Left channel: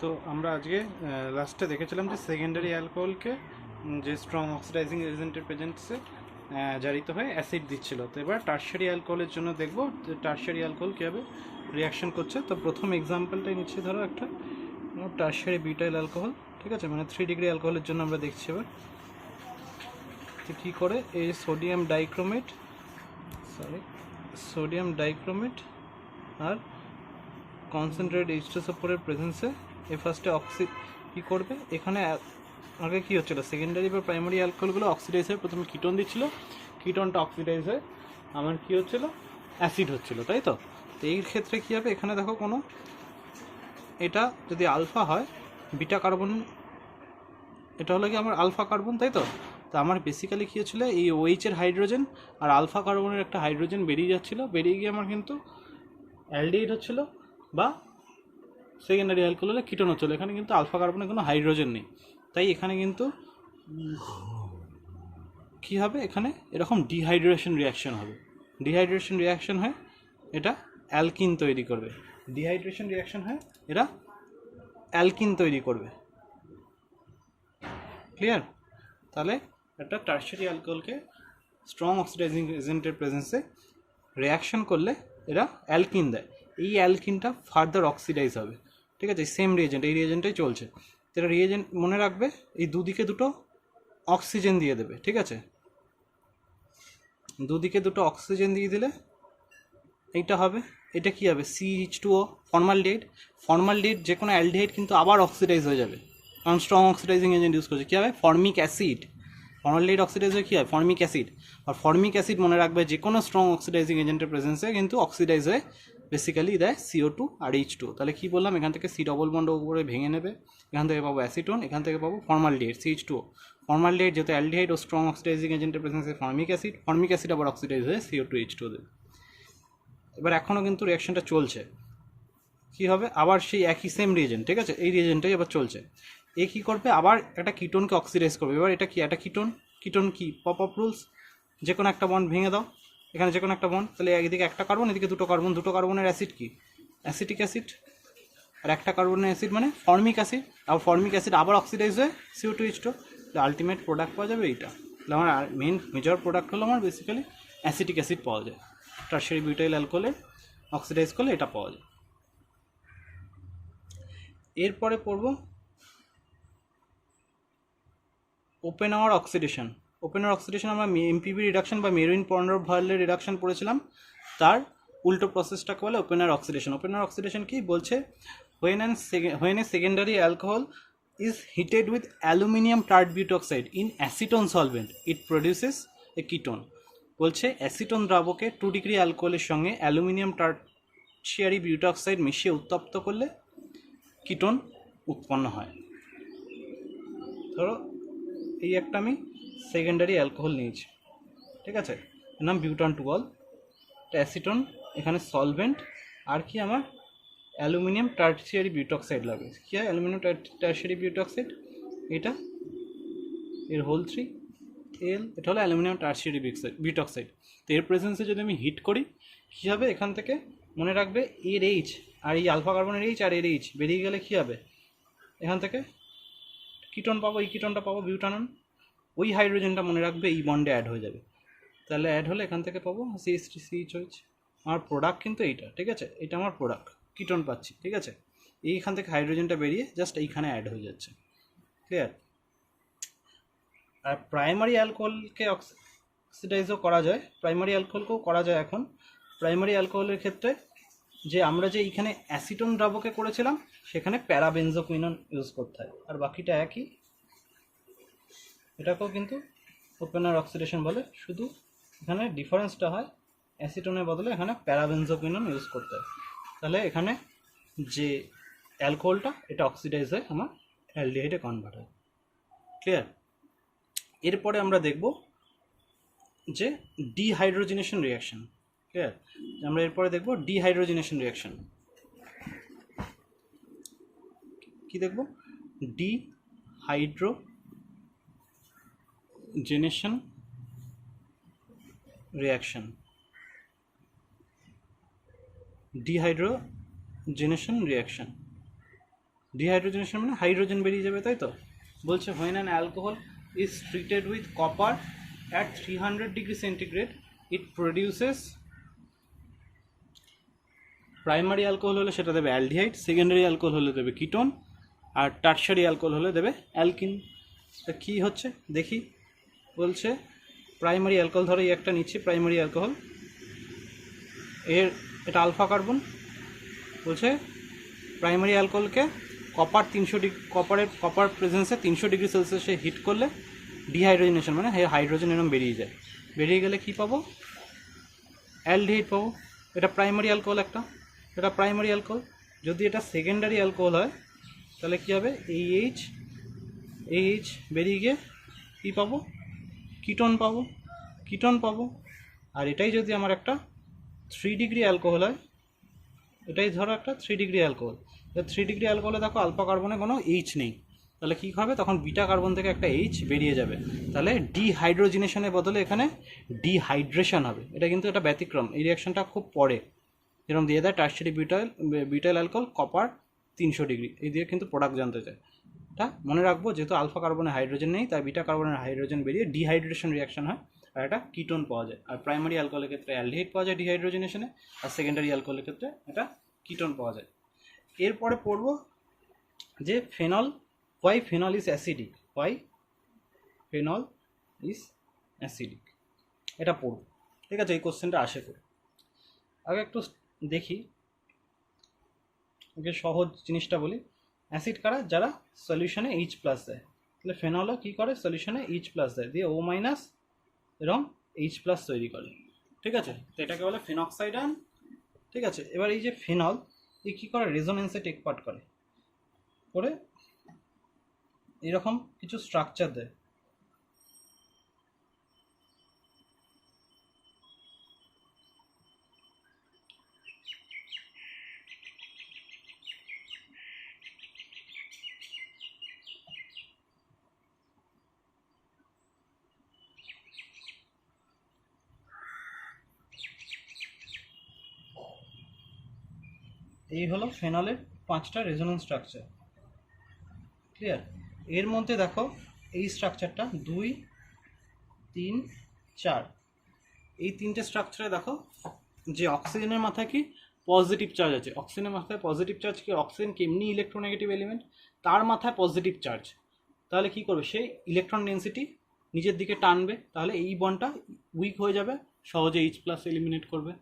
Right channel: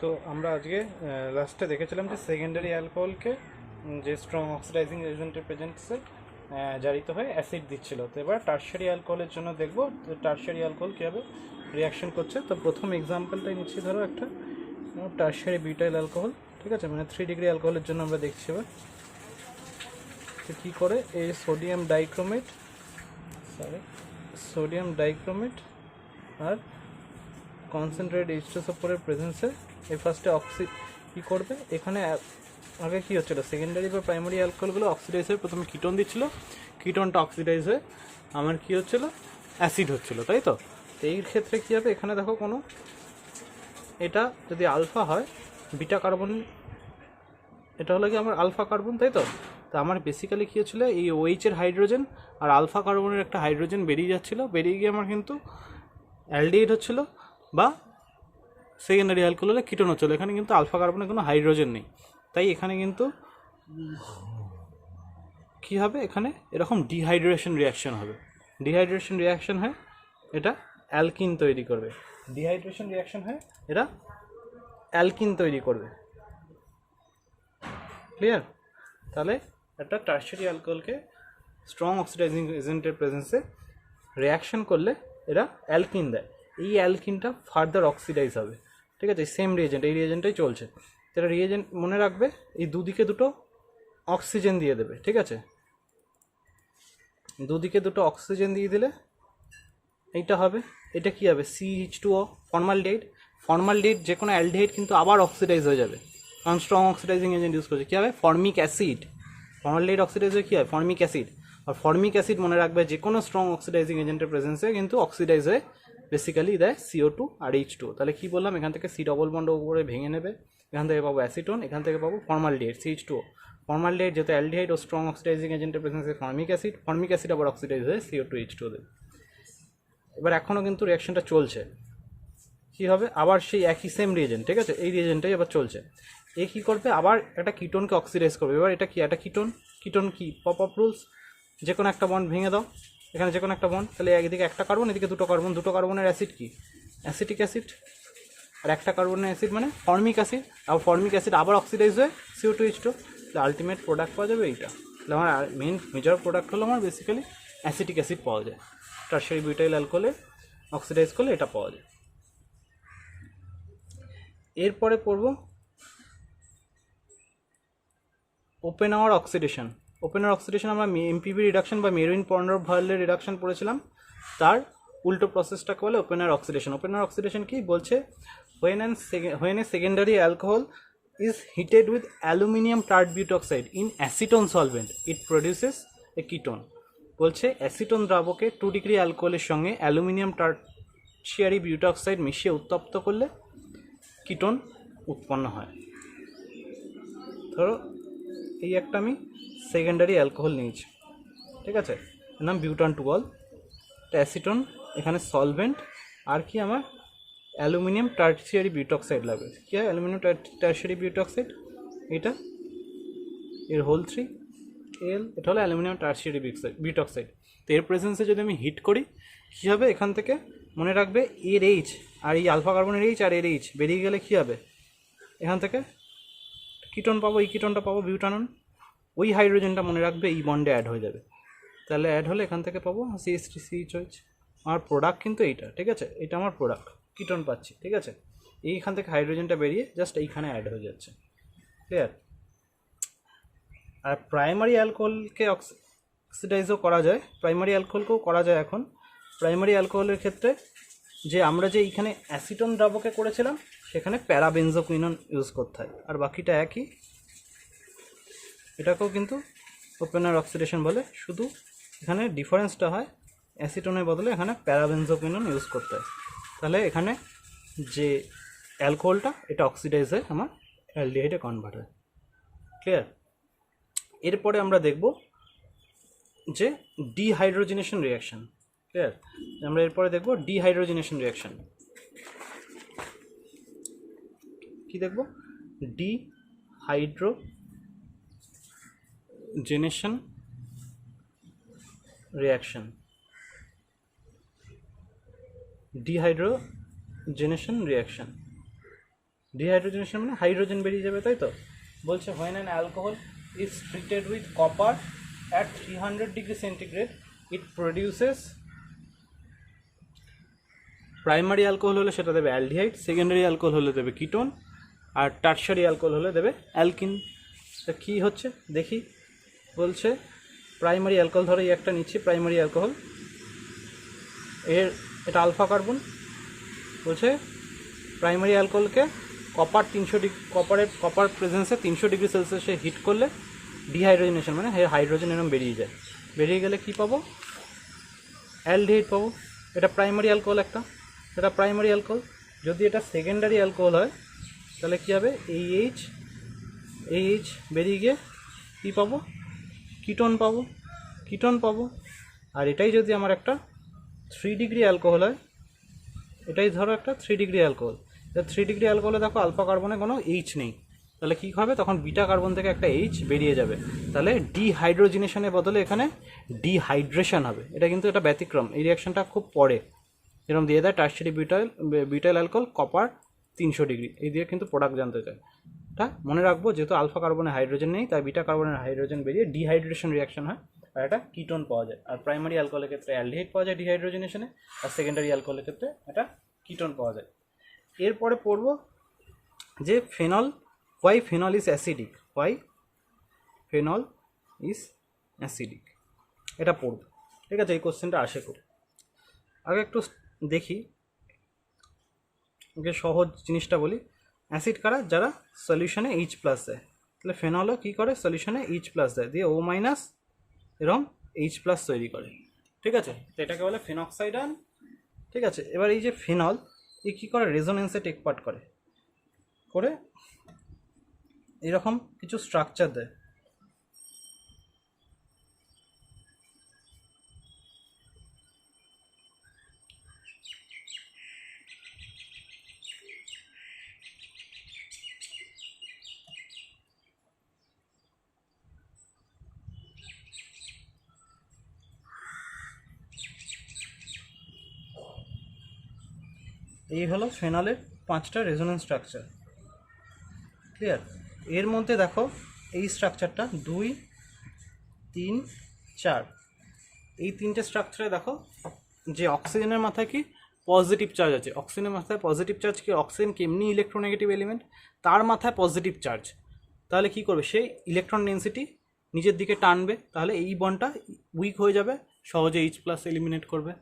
তো আমরা আজকে লাস্টে দেখেছিলাম যে সেকেন্ডারি অ্যালকোহলকে যে স্ট্রং অক্সিডাইজিং এজেন্টের প্রেজেন্সে জারিত হয়ে অ্যাসিড দিচ্ছিল। তো এবার টারশিয়ারি অ্যালকোহলের জন্য দেখব যে টারশিয়ারি অ্যালকোহল কীভাবে রিয়াকশন করছে। তো প্রথম এক্সাম্পলটাই নিচ্ছি, ধরো একটা টারশিয়ারি বিউটাইল অ্যালকোহল, ঠিক আছে, মানে 3 ডিগ্রি অ্যালকোহলের জন্য আমরা দেখছি এবার তো কী করে এই সোডিয়াম ডাইক্রোমেট আর কনসেন্ট্রেট H2SO4 প্রেজেন্সে এই ফার্স্টে কী করবে, এখানে আগে কী হচ্ছিলো, সেকেন্ডারি বা প্রাইমারি অ্যালকোহলগুলো অক্সিডাইজ হয়ে প্রথমে কিটোন দিচ্ছিল, কিটোনটা অক্সিডাইজ হয়ে আমার কী হচ্ছিলো, অ্যাসিড হচ্ছিলো, তাই তো। তো এই ক্ষেত্রে কী হবে, এখানে দেখো কোনো এটা যদি আলফা হয়, বিটা কার্বন, এটা হলো কি আমার আলফা কার্বন, তাই তো। তো আমার বেসিক্যালি কী হচ্ছিলো, এই ওএইচের হাইড্রোজেন আর আলফা কার্বনের একটা হাইড্রোজেন বেরিয়ে যাচ্ছিলো, বেরিয়ে গিয়ে আমার কিন্তু অ্যালডিহাইড হচ্ছিলো বা সেকেন্ডারি অ্যালকোহল হলে কিটোন হচ্ছিলো। এখানে কিন্তু আলফা কার্বনের কোনো হাইড্রোজেন নেই, তাই এখানে কিন্তু কী হবে, এখানে এরকম ডিহাইড্রেশন রিয়াকশন হবে। ডিহাইড্রেশন রিয়াকশন হয় এটা অ্যালকিন তৈরি করবে, ডিহাইড্রেশন রিয়াকশন হয় এরা অ্যালকিন তৈরি করবে। ক্লিয়ার? তাহলে একটা টারশিয়ারি অ্যালকোহলকে স্ট্রং অক্সিডাইজিং এজেন্টের প্রেজেন্সে রিয়াকশন করলে এরা অ্যালকিন দেয়। এই অ্যালকিনটা ফার্দার অক্সিডাইজ হবে, ঠিক আছে, সেম রিয়েজেন্ট, এই রিয়েজেন্টটাই চলছে। এটা রিয়েজেন্ট মনে রাখবে, এই দুদিকে দুটো অক্সিজেন দিয়ে দেবে, ঠিক আছে, দুদিকে দুটো অক্সিজেন দিয়ে দিলে এইটা হবে, এটা কি হবে, CH2O, ফর্মালডিহাইড, যে কোনো অ্যালডিহাইড কিন্তু আবার অক্সিডাইজ হয়ে যাবে, কারণ স্ট্রং অক্সিডাইজিং এজেন্ট ইউজ করছে। কী হবে, ফর্মিক অ্যাসিড, ফর্মালডিহাইড অক্সিডাইজ হয়ে কী হয়, ফর্মিক অ্যাসিড। আর ফর্মিক অ্যাসিড মনে রাখবে যে কোনো স্ট্রং অক্সিডাইজিং এজেন্টের প্রেজেন্সে কিন্তু অক্সিডাইজ হয়ে বেসিক্যালি দেয় CO2 আর H2O। তাহলে কী বললাম, এখান থেকে C ডবল বন্ড উপরে ভেঙে নেবে, এখান থেকে পাবো অ্যাসিটোন, এখান থেকে পাবো ফর্মালডিহাইড CH2O। ফর্মালডিহাইড যেহেতু অ্যালডিহাইড ও স্ট্রং অক্সিডাইজিং এজেন্টের প্রেজেন্সে ফর্মিক অ্যাসিড আবার অক্সিডাইজ হয়ে CO2 H2O দেবে। এবার এখনও কিন্তু রিয়াকশনটা চলছে, কী হবে, আবার সেই একই সেম রিয়েজেন্ট, ঠিক আছে, এই রিয়েজেন্টটাই আবার চলছে। এ কী করবে, আবার একটা কিটোনকে অক্সিডাইজ করবে। এবার এটা কি, একটা কিটোন কি, পপ আপ রুলস, যে কোনো একটা বন্ড ভেঙে দাও, এখানে যে কোনো একটা বন্ড, তাহলে একদিকে একটা কার্বন, এদিকে দুটো কার্বনের অ্যাসিড কি, অ্যাসিটিক অ্যাসিড, আর একটা কার্বনের অ্যাসিড মানে ফর্মিক অ্যাসিড, আর ফর্মিক অ্যাসিড আবার অক্সিডাইজ হয়ে CO2 H2O। তাহলে আলটিমেট প্রোডাক্ট পাওয়া যাবে এইটা। তাহলে আমার মেজর প্রোডাক্ট হলো আমার বেসিক্যালি অ্যাসিটিক অ্যাসিড পাওয়া যায়, টারশিয়ারি বিউটাইল অ্যালকোহলের অক্সিডাইজ করলে এটা পাওয়া যায়। এরপরে পড়ব ওপেন আওয়ার অক্সিডেশন। আমরা MPB রিডাকশন বা মেরুইন পন্ডর ভয়েলের রিডাকশন পড়েছিলাম, তার উল্টো প্রসেসটাকে বলে open hour oxidation. Open hour oxidation কি বলছে, when a secondary alcohol is heated with aluminium tert butoxide in acetone solvent, it produces a ketone। বলছে অ্যাসিটোন দ্রাবকে 2 ডিগ্রি অ্যালকোহলের সঙ্গে অ্যালুমিনিয়াম টার্শিয়ারি বিউটক্সাইড মিশিয়ে উত্তপ্ত করলে কিটোন উৎপন্ন হয়। ধরো এই একটা আমি সেকেন্ডারি অ্যালকোহল নিয়েছি, ঠিক আছে, এর নাম বিউটান টুঅল, অ্যাসিটোন, এখানে সলভেন্ট, আর কি আমার অ্যালুমিনিয়াম টার্শিয়ারি বিউটক্সাইড লাগবে। কী হয়, অ্যালুমিনিয়াম টার্শিয়ারি বিউটক্সাইড, এটা এর হোল 3 এটা হলো অ্যালুমিনিয়াম টার্শিয়ারি বিউটক্সাইড। তো এর প্রেজেন্সে যদি আমি হিট করি, কী হবে, এখান থেকে মনে রাখবে এর H আর এই আলফা কার্বনের H আর এর H বেরিয়ে গেলে কী হবে, এখান থেকে কিটোন পাবো, এই কিটোনটা পাবো বিউটানন, ওই হাইড্রোজেনটা মনে রাখবে এই বন্ডে অ্যাড হয়ে যাবে। তাহলে অ্যাড হলে এখান থেকে পাবো CH3CH। আমার প্রোডাক্ট কিন্তু এইটা, ঠিক আছে, এটা আমার প্রোডাক্ট, কিটোন পাচ্ছি, ঠিক আছে, এইখান থেকে হাইড্রোজেনটা বেরিয়ে জাস্ট এইখানে অ্যাড হয়ে যাচ্ছে। ক্লিয়ার? আর প্রাইমারি অ্যালকোহলকে অক্সিডাইজও করা যায়, প্রাইমারি অ্যালকোহলকেও করা যায়। এখন প্রাইমারি অ্যালকোহলের ক্ষেত্রে যে আমরা যে এইখানে অ্যাসিটোন দ্রাবকে করেছিলাম, সেখানে প্যারাবেনজোকুইনন ইউজ করতে হয়, আর বাকিটা একই। এটাকেও কিন্তু ওপেনার অক্সিডেশন বলে, শুধু এখানে ডিফারেন্সটা হয় অ্যাসিটোনের বদলে এখানে প্যারাবেনজোকুইনন ইউজ করতে হয়। তাহলে এখানে যে অ্যালকোহলটা এটা অক্সিডাইজ হয়ে আমার অ্যালডিহাইডে কনভার্ট হয়। ক্লিয়ার? এরপরে আমরা দেখব যে ডিহাইড্রোজেনেশন রিয়াকশন। ক্লিয়ার? আমরা এরপরে দেখব ডিহাইড্রোজেনেশন রিয়াকশন। কি দেখব? Dehydrogenation reaction. Dehydrogenation reaction, dehydrogenation মানে হাইড্রোজেন বেরিয়ে যাবে, তাই তো? বলছে when an alcohol is treated with copper at 300 degree centigrade it produces primary alcohol হলে সেটা দেবে অ্যালডিহাইড, সেকেন্ডারি অ্যালকোহল হলে দেবে কিটোন, আর টারশারি অ্যালকোহল হলে দেবে অ্যালকিন। তা কী হচ্ছে দেখি। বলছে প্রাইমারি অ্যালকোহল, ধরো এই একটা নিচ্ছি প্রাইমারি অ্যালকোহল, এটা আলফা কার্বন। বলছে প্রাইমারি অ্যালকোহলকে কপার প্রেজেন্সে 300 ডিগ্রি সেলসিয়াসে হিট করলে ডিহাইড্রোজেনেশন মানে হাইড্রোজেন এরম বেরিয়ে যায়। বেরিয়ে গেলে কি পাবো? অ্যালডিহাইড পাবো। এটা প্রাইমারি অ্যালকোহল একটা, এটা প্রাইমারি অ্যালকোহল। যদি এটা সেকেন্ডারি অ্যালকোহল হয় তাহলে কী হবে? এইচ বেরিয়ে গিয়ে কী পাবো? কিটোন পাবো। আর এটাই যদি আমার একটা 3 ডিগ্রি অ্যালকোহল হয়, এটাই ধরো একটা 3 ডিগ্রি অ্যালকোহল, 3 ডিগ্রি অ্যালকোহলে দেখো আলফা কার্বনে কোনো এইচ নেই, তাহলে কী হবে? তখন বিটা কার্বন থেকে একটা এইচ বেরিয়ে যাবে, তাহলে ডিহাইড্রোজেনেশনের বদলে এখানে ডিহাইড্রেশন হবে। এটা কিন্তু এটা ব্যতিক্রম, এই রিয়াকশনটা খুব পরে যেরকম দিয়ে দেয় টারশারি বিউটাইল অ্যালকোহল কপার 300 ডিগ্রি, এই দিয়ে কিন্তু প্রোডাক্ট জানতে চায়। এটা মনে রাখবো, যেহেতু আলফা কার্বনে হাইড্রোজেন নেই তাই বিটা কার্বনের হাইড্রোজেন বেরিয়ে ডিহাইড্রেশন রিয়াকশন হয় আর এটা কিটোন পাওয়া যায়। আর প্রাইমারি অ্যালকোহলের ক্ষেত্রে অ্যালডিহাইড পাওয়া যায় ডিহাইড্রোজেনেশনে, আর সেকেন্ডারি অ্যালকোহলের ক্ষেত্রে এটা কিটোন পাওয়া যায়। এরপরে পড়বো যে why phenol is acidic, এটা পড়বো। ঠিক আছে, এই কোশ্চেনটা আসে করে। আগে একটু দেখি, ওকে সহজ জিনিসটা বলি। অ্যাসিড কারা? যারা সলিউশনে H+ দেয়। তাহলে ফেনলও কী করে? সলিউশনে H+ দেয়, দিয়ে O- এরকম H+ তৈরি করে। ঠিক আছে, তো এটাকে বলে ফেনক্সাইড আয়ন। ঠিক আছে, এবার এই যে ফেনল এই কী করে? রেজোনেন্সে টেক পার্ট করে এরকম কিছু স্ট্রাকচার দেয়। এই হলো ফেনলের 5টা রেজোনেন্স স্ট্রাকচার। ক্লিয়ার? এর মধ্যে দেখো এই স্ট্রাকচারটা 2, 3, 4, এই 3টে স্ট্রাকচারে দেখো যে অক্সিজেনের মাথায় কি পজিটিভ চার্জ আছে। অক্সিজেনের মাথায় পজিটিভ চার্জ কি? অক্সিজেন কি এমনি ইলেকট্রোনেগেটিভ এলিমেন্ট, তার মাথায় পজিটিভ চার্জ। তাহলে কি করবে? সেই ইলেকট্রন ডেন্সিটি নিজের দিকে টানবে, তাহলে এই বন্ডটা উইক হয়ে যাবে, সহজে H+ এলিমিনেট করবে।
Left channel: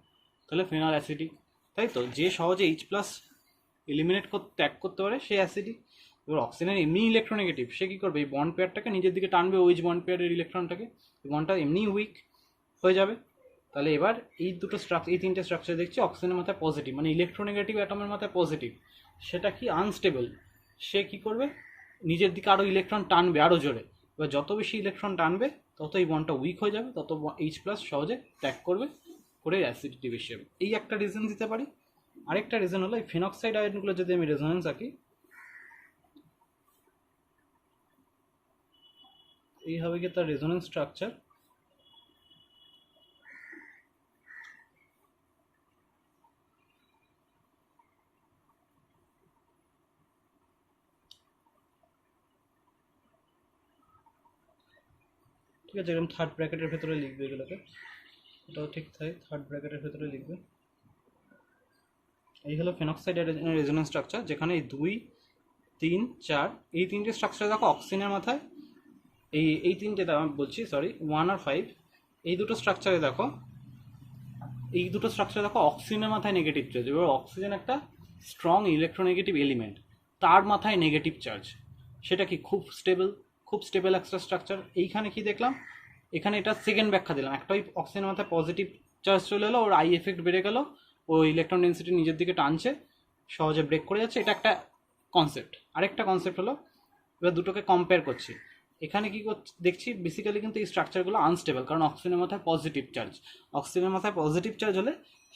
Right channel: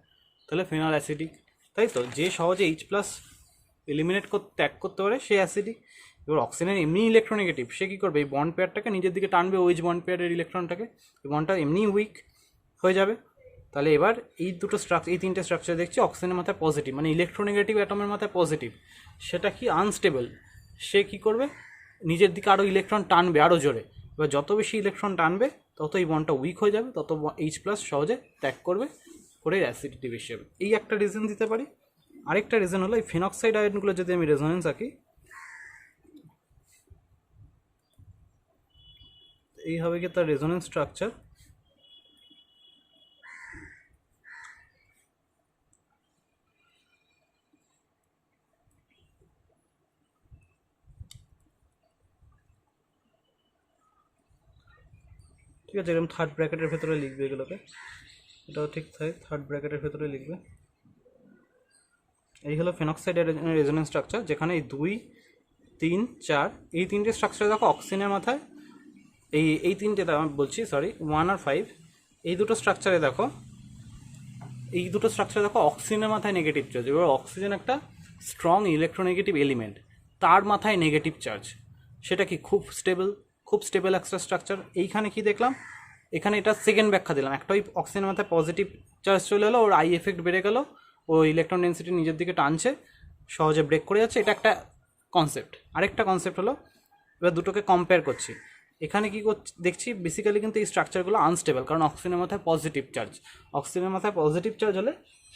তাহলে ফেনল অ্যাসিডিক, তাই তো? যে সহজে H+ ত্যাগ করতে পারে সে অ্যাসিডিক। এবার অক্সিজেন এমনি ইলেকট্রোনেগেটিভ, সে কী করবে? এই বন্ড পেয়ারটাকে নিজের দিকে টানবে, ওইচ বন্ড পেয়ারের ইলেকট্রনটাকে, এই বন্ডটা এমনি উইক হয়ে যাবে। তাহলে এবার এই 3টে স্ট্রাকচার দেখছি অক্সিজেনের মাথায় পজিটিভ, মানে ইলেকট্রোনেগেটিভ অ্যাটমের মাথায় পজিটিভ, সেটা কি আনস্টেবল। সে কি করবে? নিজের দিকে আরও ইলেকট্রন টানবে আরও জোরে। এবার যত বেশি ইলেকট্রন টানবে তত এই বন্ডটা উইক হয়ে যাবে, তত H+ সহজে ত্যাগ করবে, করে অ্যাসিডিটি বেশি হবে। এই একটা রিজন দিতে পারি। আরেকটা রিজন হলো এই ফেনক্সাইড আয়নগুলো যদি আমি রেজোনেন্স আঁকি, এই হবে কি তার রেজোনেন্স স্ট্রাকচার। ঠিক আছে, এরকম থার্ড ব্র্যাকেটের ভেতরে লিখবে এগুলোকে, এটাও ঠিক তাই, থার্ড ব্র্যাকেটের ভেতরে লিখবে। এই হলো ফেনক্সাইড রেজোনেন্স স্ট্রাকচার, যেখানে এই 2, 3, 4 এই 3টে স্ট্রাকচার দেখো অক্সিজেনের মাথায়, এই 3টে আমি বলছি, সরি 1 আর 5, এই দুটো স্ট্রাকচারে দেখো অক্সিজেনের মাথায় নেগেটিভ চার্জ। এবার অক্সিজেন একটা স্ট্রং ইলেকট্রোনেগেটিভ এলিমেন্ট, তার মাথায় নেগেটিভ চার্জ, সেটা কি খুব স্টেবল একটা স্ট্রাকচার। এইখানে কি দেখলাম? এখানে এটা সেকেন্ড ব্যাখ্যা দিলাম, একটাই অক্সিজেনের মাথায় পজিটিভ চার্জ চলে এলো, ওর আই এফেক্ট বেড়ে গেল, ও ইলেকট্রন ডেন্সিটি নিজের দিকে টানছে, সহজে ব্রেক করে যাচ্ছে, এটা একটা কনসেপ্ট। আরেকটা কনসেপ্ট হলো, এবার দুটোকে কম্পেয়ার করছি, এখানে কি দেখছি বেসিক্যালি কিন্তু এই স্ট্রাকচারগুলো আনস্টেবল, কারণ অক্সিজেনের মাথায় পজিটিভ চার্জ হলে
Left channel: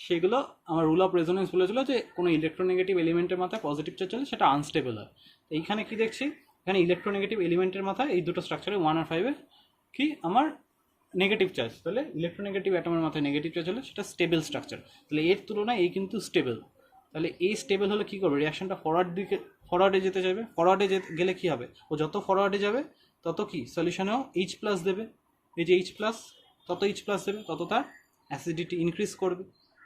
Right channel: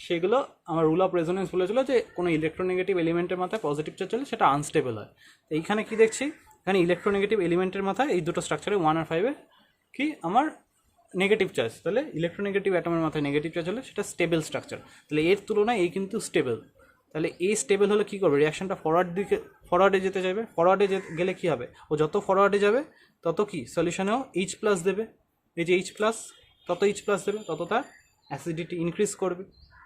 সেগুলো আমার রুল অফ রেজোনেন্স বলেছিল যে কোনো ইলেকট্রোনেগেটিভ এলিমেন্টের মাথায় পজিটিভ চার্জ হলে সেটা আনস্টেবল হয়। তো এইখানে কি দেখছি? এখানে ইলেকট্রোনেগেটিভ এলিমেন্টের মাথায় এই দুটো স্ট্রাকচারে 1 আর 5 কি আমার নেগেটিভ চার্জ, তাহলে ইলেকট্রোনেগেটিভ অ্যাটমের মাথায় নেগেটিভ চার্জ হলে সেটা স্টেবল স্ট্রাকচার। তাহলে এর তুলনায় এই কিন্তু স্টেবল। তাহলে এই স্টেবল হলে কী করবে? রিয়াকশনটা ফরওয়ার্ডে যেতে চাইবে, ফরওয়ার্ডে গেলে কী হবে, ও যত ফরওয়ার্ডে যাবে তত কি সলিউশনেও এইচ প্লাস দেবে, এই যে এইচ প্লাস, তত এইচ প্লাস দেবে তত তার অ্যাসিডিটি ইনক্রিজ করবে।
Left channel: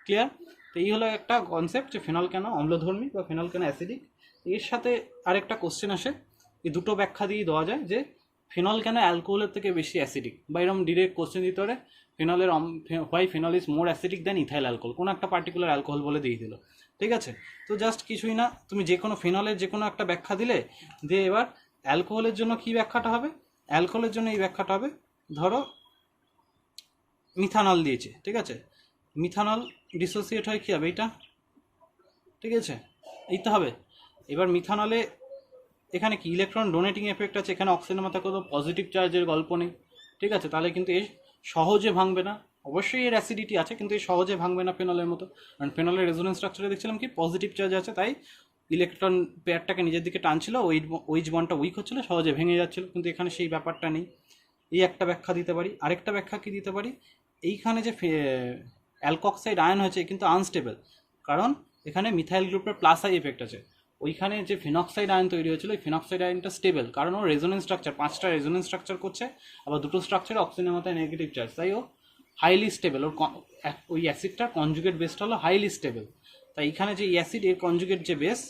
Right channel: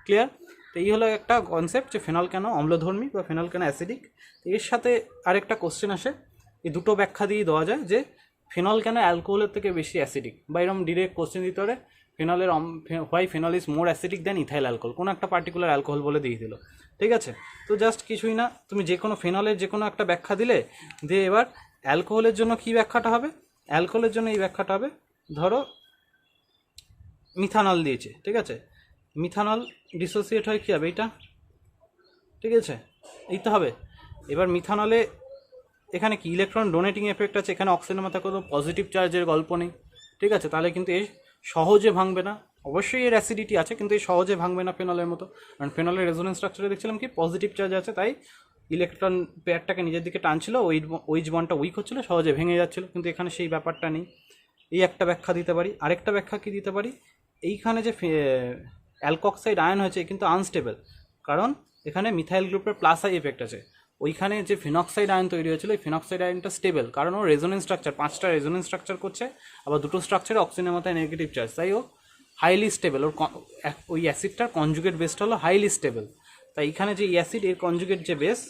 ক্লিয়ার? তো এই হলো একটা কনসেপ্ট যে ফেনল কেন অম্লধর্মী বা ফেনল কেন অ্যাসিডিক। এর সাথে আরেকটা কোশ্চেন আসে, এই দুটো ব্যাখ্যা দিয়েই দেওয়া যায় যে ফেনল কেন অ্যালকোহলের থেকে বেশি অ্যাসিডিক, বা এরকম ডিরেক্ট কোশ্চেন দিতে পারে ফেনলের why phenol is more acidic than ethyl alcohol, কোনো একটা পার্টিকুলার অ্যালকোহল বলে দিয়ে দিল। ঠিক আছে, তো জাস্ট কিছুই না, তুমি যে কোনো ফেনলের যে কোনো একটা ব্যাখ্যা দিলে, দিয়ে এবার অ্যালকোহলের জন্য কী ব্যাখ্যাটা হবে, অ্যালকোহলের জন্য এই ব্যাখ্যাটা হবে, ধরো মিথানল দিয়েছে, ঠিক আছে, মিথানল ডিসোসিয়েট হয় কী হবে এইটা, ঠিক আছে, এই তো হবে। এবার মিথানলে এখানে কি ইলেকট্রন ডোনেটিং এফেক্ট আছে, এখানে অক্সিজেনের মতো কোনো পজিটিভ চার্জের গল্প নেই, ঠিক আছে, তাহলে কিন্তু এ সহজে ভাঙবে না। অবশ্যই এর অ্যাসিডিটি আছে, কিন্তু এই সহজে ভাঙবে না ফেনলের মতো, কারণ ফেনলের রেজোনেন্স স্ট্রাকচারে দেখছিলাম কি পজিটিভ চার্জ আছে, তাই ইলেকট্রন পেয়ারটাকে নিজের দিকে টানছিল, ওইচ বন্ডটা উইক হচ্ছিল, সহজে ভেঙে যাচ্ছিল, কিন্তু এখানে সেই ব্যাপারটা নেই। এই একটা ব্যাখ্যা দিতে পারি। আরেকটা ব্যাখ্যা কি দিতে পারি, এইখানে যে অ্যালকক্সাইড আয়ন হয়েছে কিন্তু আনস্টেবল, কারণ এখানে মিথাইল গ্রুপের প্লাস আই এফেক্ট আছে। ওইখানে যে ফিনক্সাইড আয়ন তৈরি হয়েছিল, এই ফিনক্সাইড আয়নটা স্টেবল, কারণ ও রেজোনেন্স স্ট্রাকচার, 5টা রেজোনেন্স স্ট্রাকচার করছে, আবার দুটো স্ট্রাকচারে অক্সিজেনের মতো নেগেটিভ চার্জ, তাই ও হাইলি স্টেবল। ওর ওই অ্যাসিডটার কনজুগেট বেসটা হলো হাইলি স্টেবল, তাই এখানে যে অ্যাসিড এর কনজুগেট যে বেস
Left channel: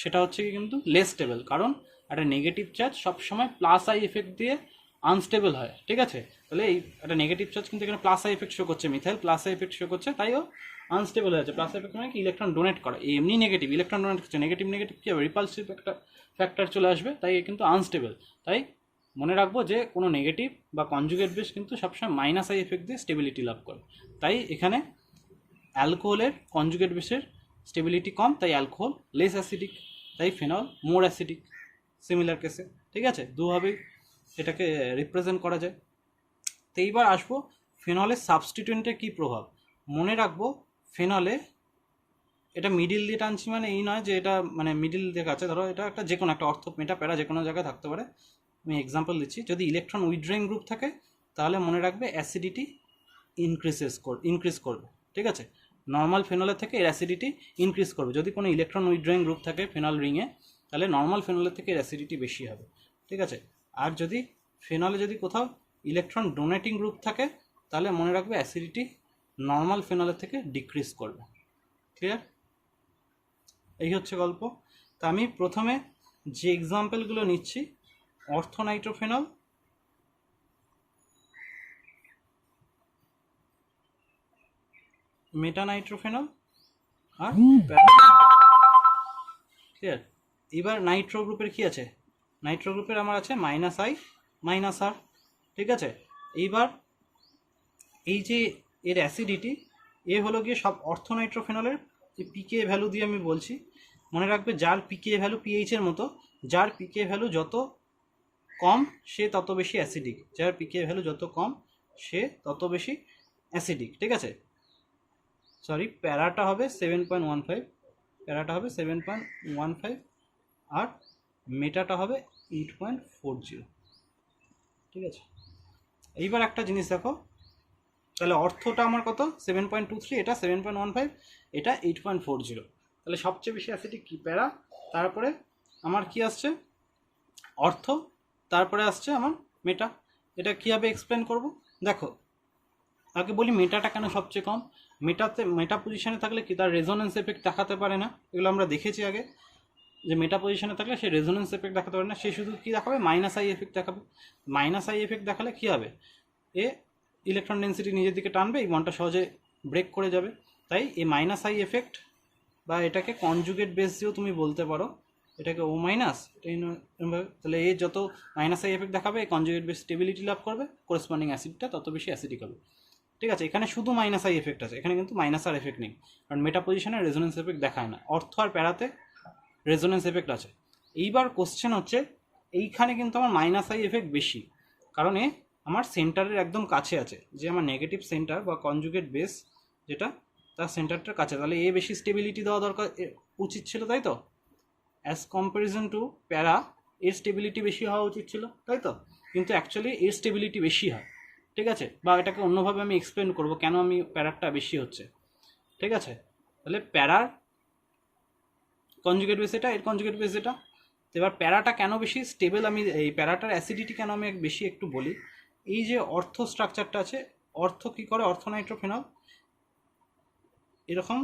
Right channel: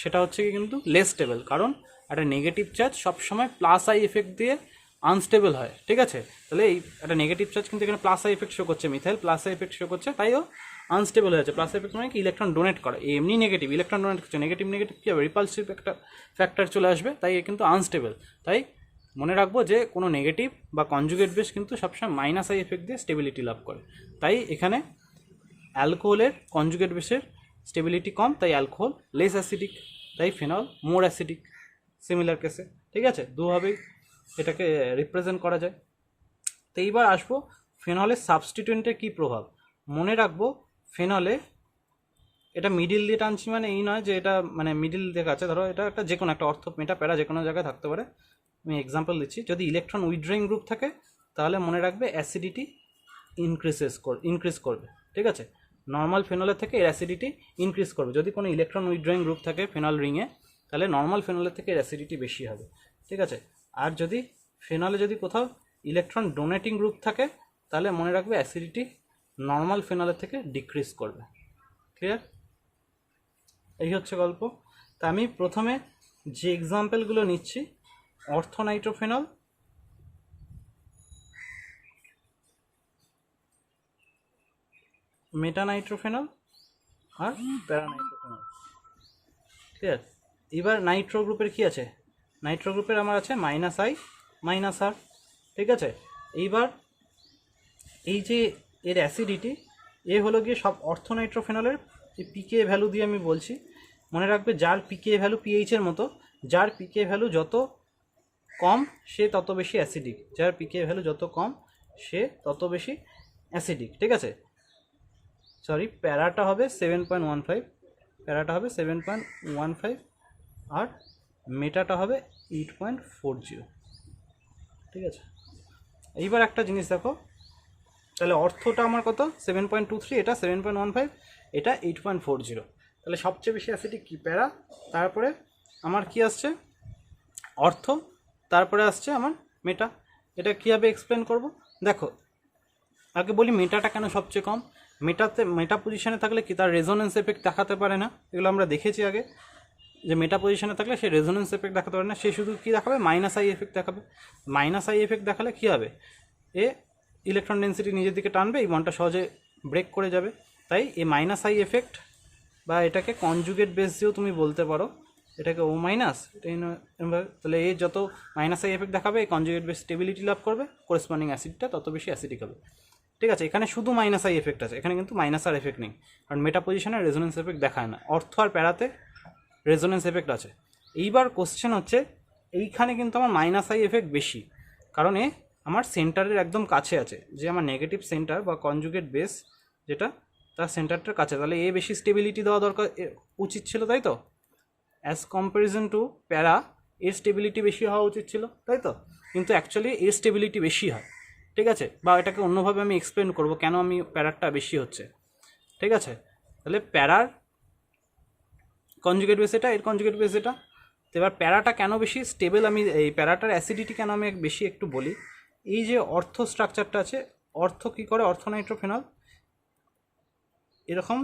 সেটা হচ্ছে কি কিন্তু লেস স্টেবল, কারণ একটা নেগেটিভ চার্জ সবসময় প্লাস আই এফেক্ট দিয়ে আনস্টেবল হয়। ঠিক আছে, তাহলে এই একটা নেগেটিভ চার্জ কিন্তু এখানে প্লাস আই এফেক্ট শো করছে, methyl plus I effect show করছে, তাই ও আনস্টেবল হয়ে আছে। প্লাস এফেক্ট মানে কি ইলেকট্রন ডোনেট করা, এমনি নেগেটিভ ইলেকট্রন ডোনেট করছে, নেগেটিভ নেগেটিভ কী হবে, রিপালসিভ একটা ফ্যাক্টর চলে আসবে, তাই এ কিন্তু আনস্টেবল। তাই মনে রাখবো যে কোনো নেগেটিভ বা কনজুগেট বেস কিন্তু সবসময় মাইনাস আই এফেক্ট দিয়ে স্টেবিলিটি লাভ করে, তাই এখানে অ্যালকোহলের কনজুগেট বেসের স্টেবিলিটি কম, তাই অ্যালকোহল লেস অ্যাসিডিক, তাই ফেনল মোর অ্যাসিডিক সিমিলার কেসে। ঠিক আছে, দুভাবেই এটাকে রিপ্রেজেন্ট করা যায়। তো এইবার আসবো ফেনলের সাবস্টিটিউয়েন্টের কী প্রভাব। মনে রাখবো ফেনলে এটা মিডিল দিয়ে টানছি মানে এই নয় যে এটা মানে মিডিল দিয়ে আছে, ধরো এটা একটা যে কোনো একটা অর্থ মেটা প্যারা যে কোনো জায়গায় থাকতে পারে। আমি এক্সাম্পল দিচ্ছি, যদি ইলেকট্রন উইথড্রয়িং গ্রুপ থাকে তাহলে মনে রাখবে অ্যাসিডিটি ইনক্রিজ করবে। ঠিক আছে, নর্মাল ফেনলের থেকে এর অ্যাসিডিটি ইনক্রিজ করবে। যদি কোনো ইলেকট্রন উইথড্রয়িং গ্রুপ থাকে ফেনল রিংয়ে, তাহলে নর্মাল ফেনলের থেকে এর অ্যাসিডিটি বেশি হবে। ঠিক আছে, আর যদি ফেনলে যদি কোথাও ইলেকট্রন ডোনেটিং গ্রুপ থাকে তাহলে মনে রাখবে অ্যাসিডিটি নর্মাল ফেনলের থেকে ডিক্রিজ করবে। ক্লিয়ার? এই হচ্ছে গল্প। তা আমি প্রথমে যে এক্সাম্পলগুলো নিচ্ছি, অর্থোনাইট্রোফেনল, মেটানাইট্রোফেনল আর ক্লিয়ার। এবার নাইট্রো গ্রুপের কি আছে, নাইট্রো গ্রুপের আমার আছে মাইনাস আই মাইনাস আর। ঠিক আছে, এইবার এই যে এর অ্যাসিডিটি এ হলো গিয়ে সব অর্থোনাইট্রোফেনলের পিকে ভ্যালু দিয়ে আমি বলছি। মনে রাখবে যার পিকে ভ্যালু পিএইচের মতো, যার পিকে ভ্যালু যত কম সে তত বেশি অ্যাসিডিক, যার পিকে ভ্যালু যত কম সে তত বেশি অ্যাসিডিক। ঠিক আছে, সরি প্যারাটা হবে 7.15, প্যারাটা হবে 7.15 আর মেটাটা হবে 8.40। ঠিক আছে, এইবার একটা জিনিস দেখো, তাহলে অর্থটা আমার কত 7.23, এটা 7.15, এটা 8.40, তাহলে সবচেয়ে বেশি অ্যাসিডিক কি প্যারা, তারপরে আমার কি আসছে অর্থ, তারপরে আসছে আমার মেটা। এটা কীভাবে এক্সপ্লেন করব দেখো, আগে বলি মেটাটা কেন সবচেয়ে কম। মেটা পজিশনে থাকলে কি তার রেজোনেন্স এফেক্ট দেখাতে পারে না, এগুলো আমরা দেখেছি আগে, যে মেটা পজিশনে থাকলে সে রেজোনেন্স এফেক্ট দেখাতে পারে না, সে শুধু কী দেখাবে মাইনাস আই এফেক্ট দেখাবে। মাইনাস আই এফেক্ট দেখালে কী হবে, এ ইলেকট্রন ডেন্সিটি নিজের দিকে টানবে, এই বন্ডটা সহজে ব্রেক করে যাবে। তাই এই মাইনাস আই এফেক্ট বা এটাকে কনজুগেট বেস দিয়েও তুমি বলতে পারো, এটাকে ও মাইনাস, তাহলে এ যত মাইনাস আই এফেক্ট দেখাবে এই কনজুগেট বেস স্টেবিলিটি লাভ করবে, করেসপন্ডিং অ্যাসিডটা তত বেশি অ্যাসিডিক হবে। ঠিক আছে, এখানে শুধু মাইনাস আই এফেক্ট আছে, এখানে কিন্তু মাইনাস আর এফেক্ট নেই, কারণ মেটা পজিশনে রেজোনেন্স এফেক্ট দেখায় না। অর্থ আর প্যারাতে রেজোনেন্স এফেক্ট আছে। এইবার কোশ্চেন হচ্ছে এইখানে কিন্তু আমার মাইনাস আই এফেক্ট বেশি, কারণ এ আমার সেন্টারের একদম কাছে আছে, যে আমার নেগেটিভ সেন্টার বা কনজুগেট বেস যেটা তার সেন্টারটার কাছে, তাহলে এ বেশি স্টেবিলিটি দেওয়া দরকার উচিত ছিল, তাই তো। অ্যাজ কম্প্যারিজন টু প্যারা এর স্টেবিলিটি বেশি হওয়া উচিত ছিল, তাই তো, কিন্তু অ্যাকচুয়ালি এর স্টেবিলিটি বেশি হয়। ঠিক আছে, বা এটাকে অন্যভাবে আমি এক্সপ্লেন করব কেন আমি প্যারারটা বেশি হচ্ছে। ঠিক আছে, তাহলে প্যারার কনজুগেট বেস এটা, এর কনজুগেট বেস এটা। তো এবার প্যারাটা কেন বেশি স্টেবল, আমি এই প্যারাটার অ্যাসিডিটি কেন আমি বেশি একটু বলি। এই যে অর্থ স্ট্রাকচারটা আছে, অর্থ কী করে, অর্থনাইট্রোফেনল এরকম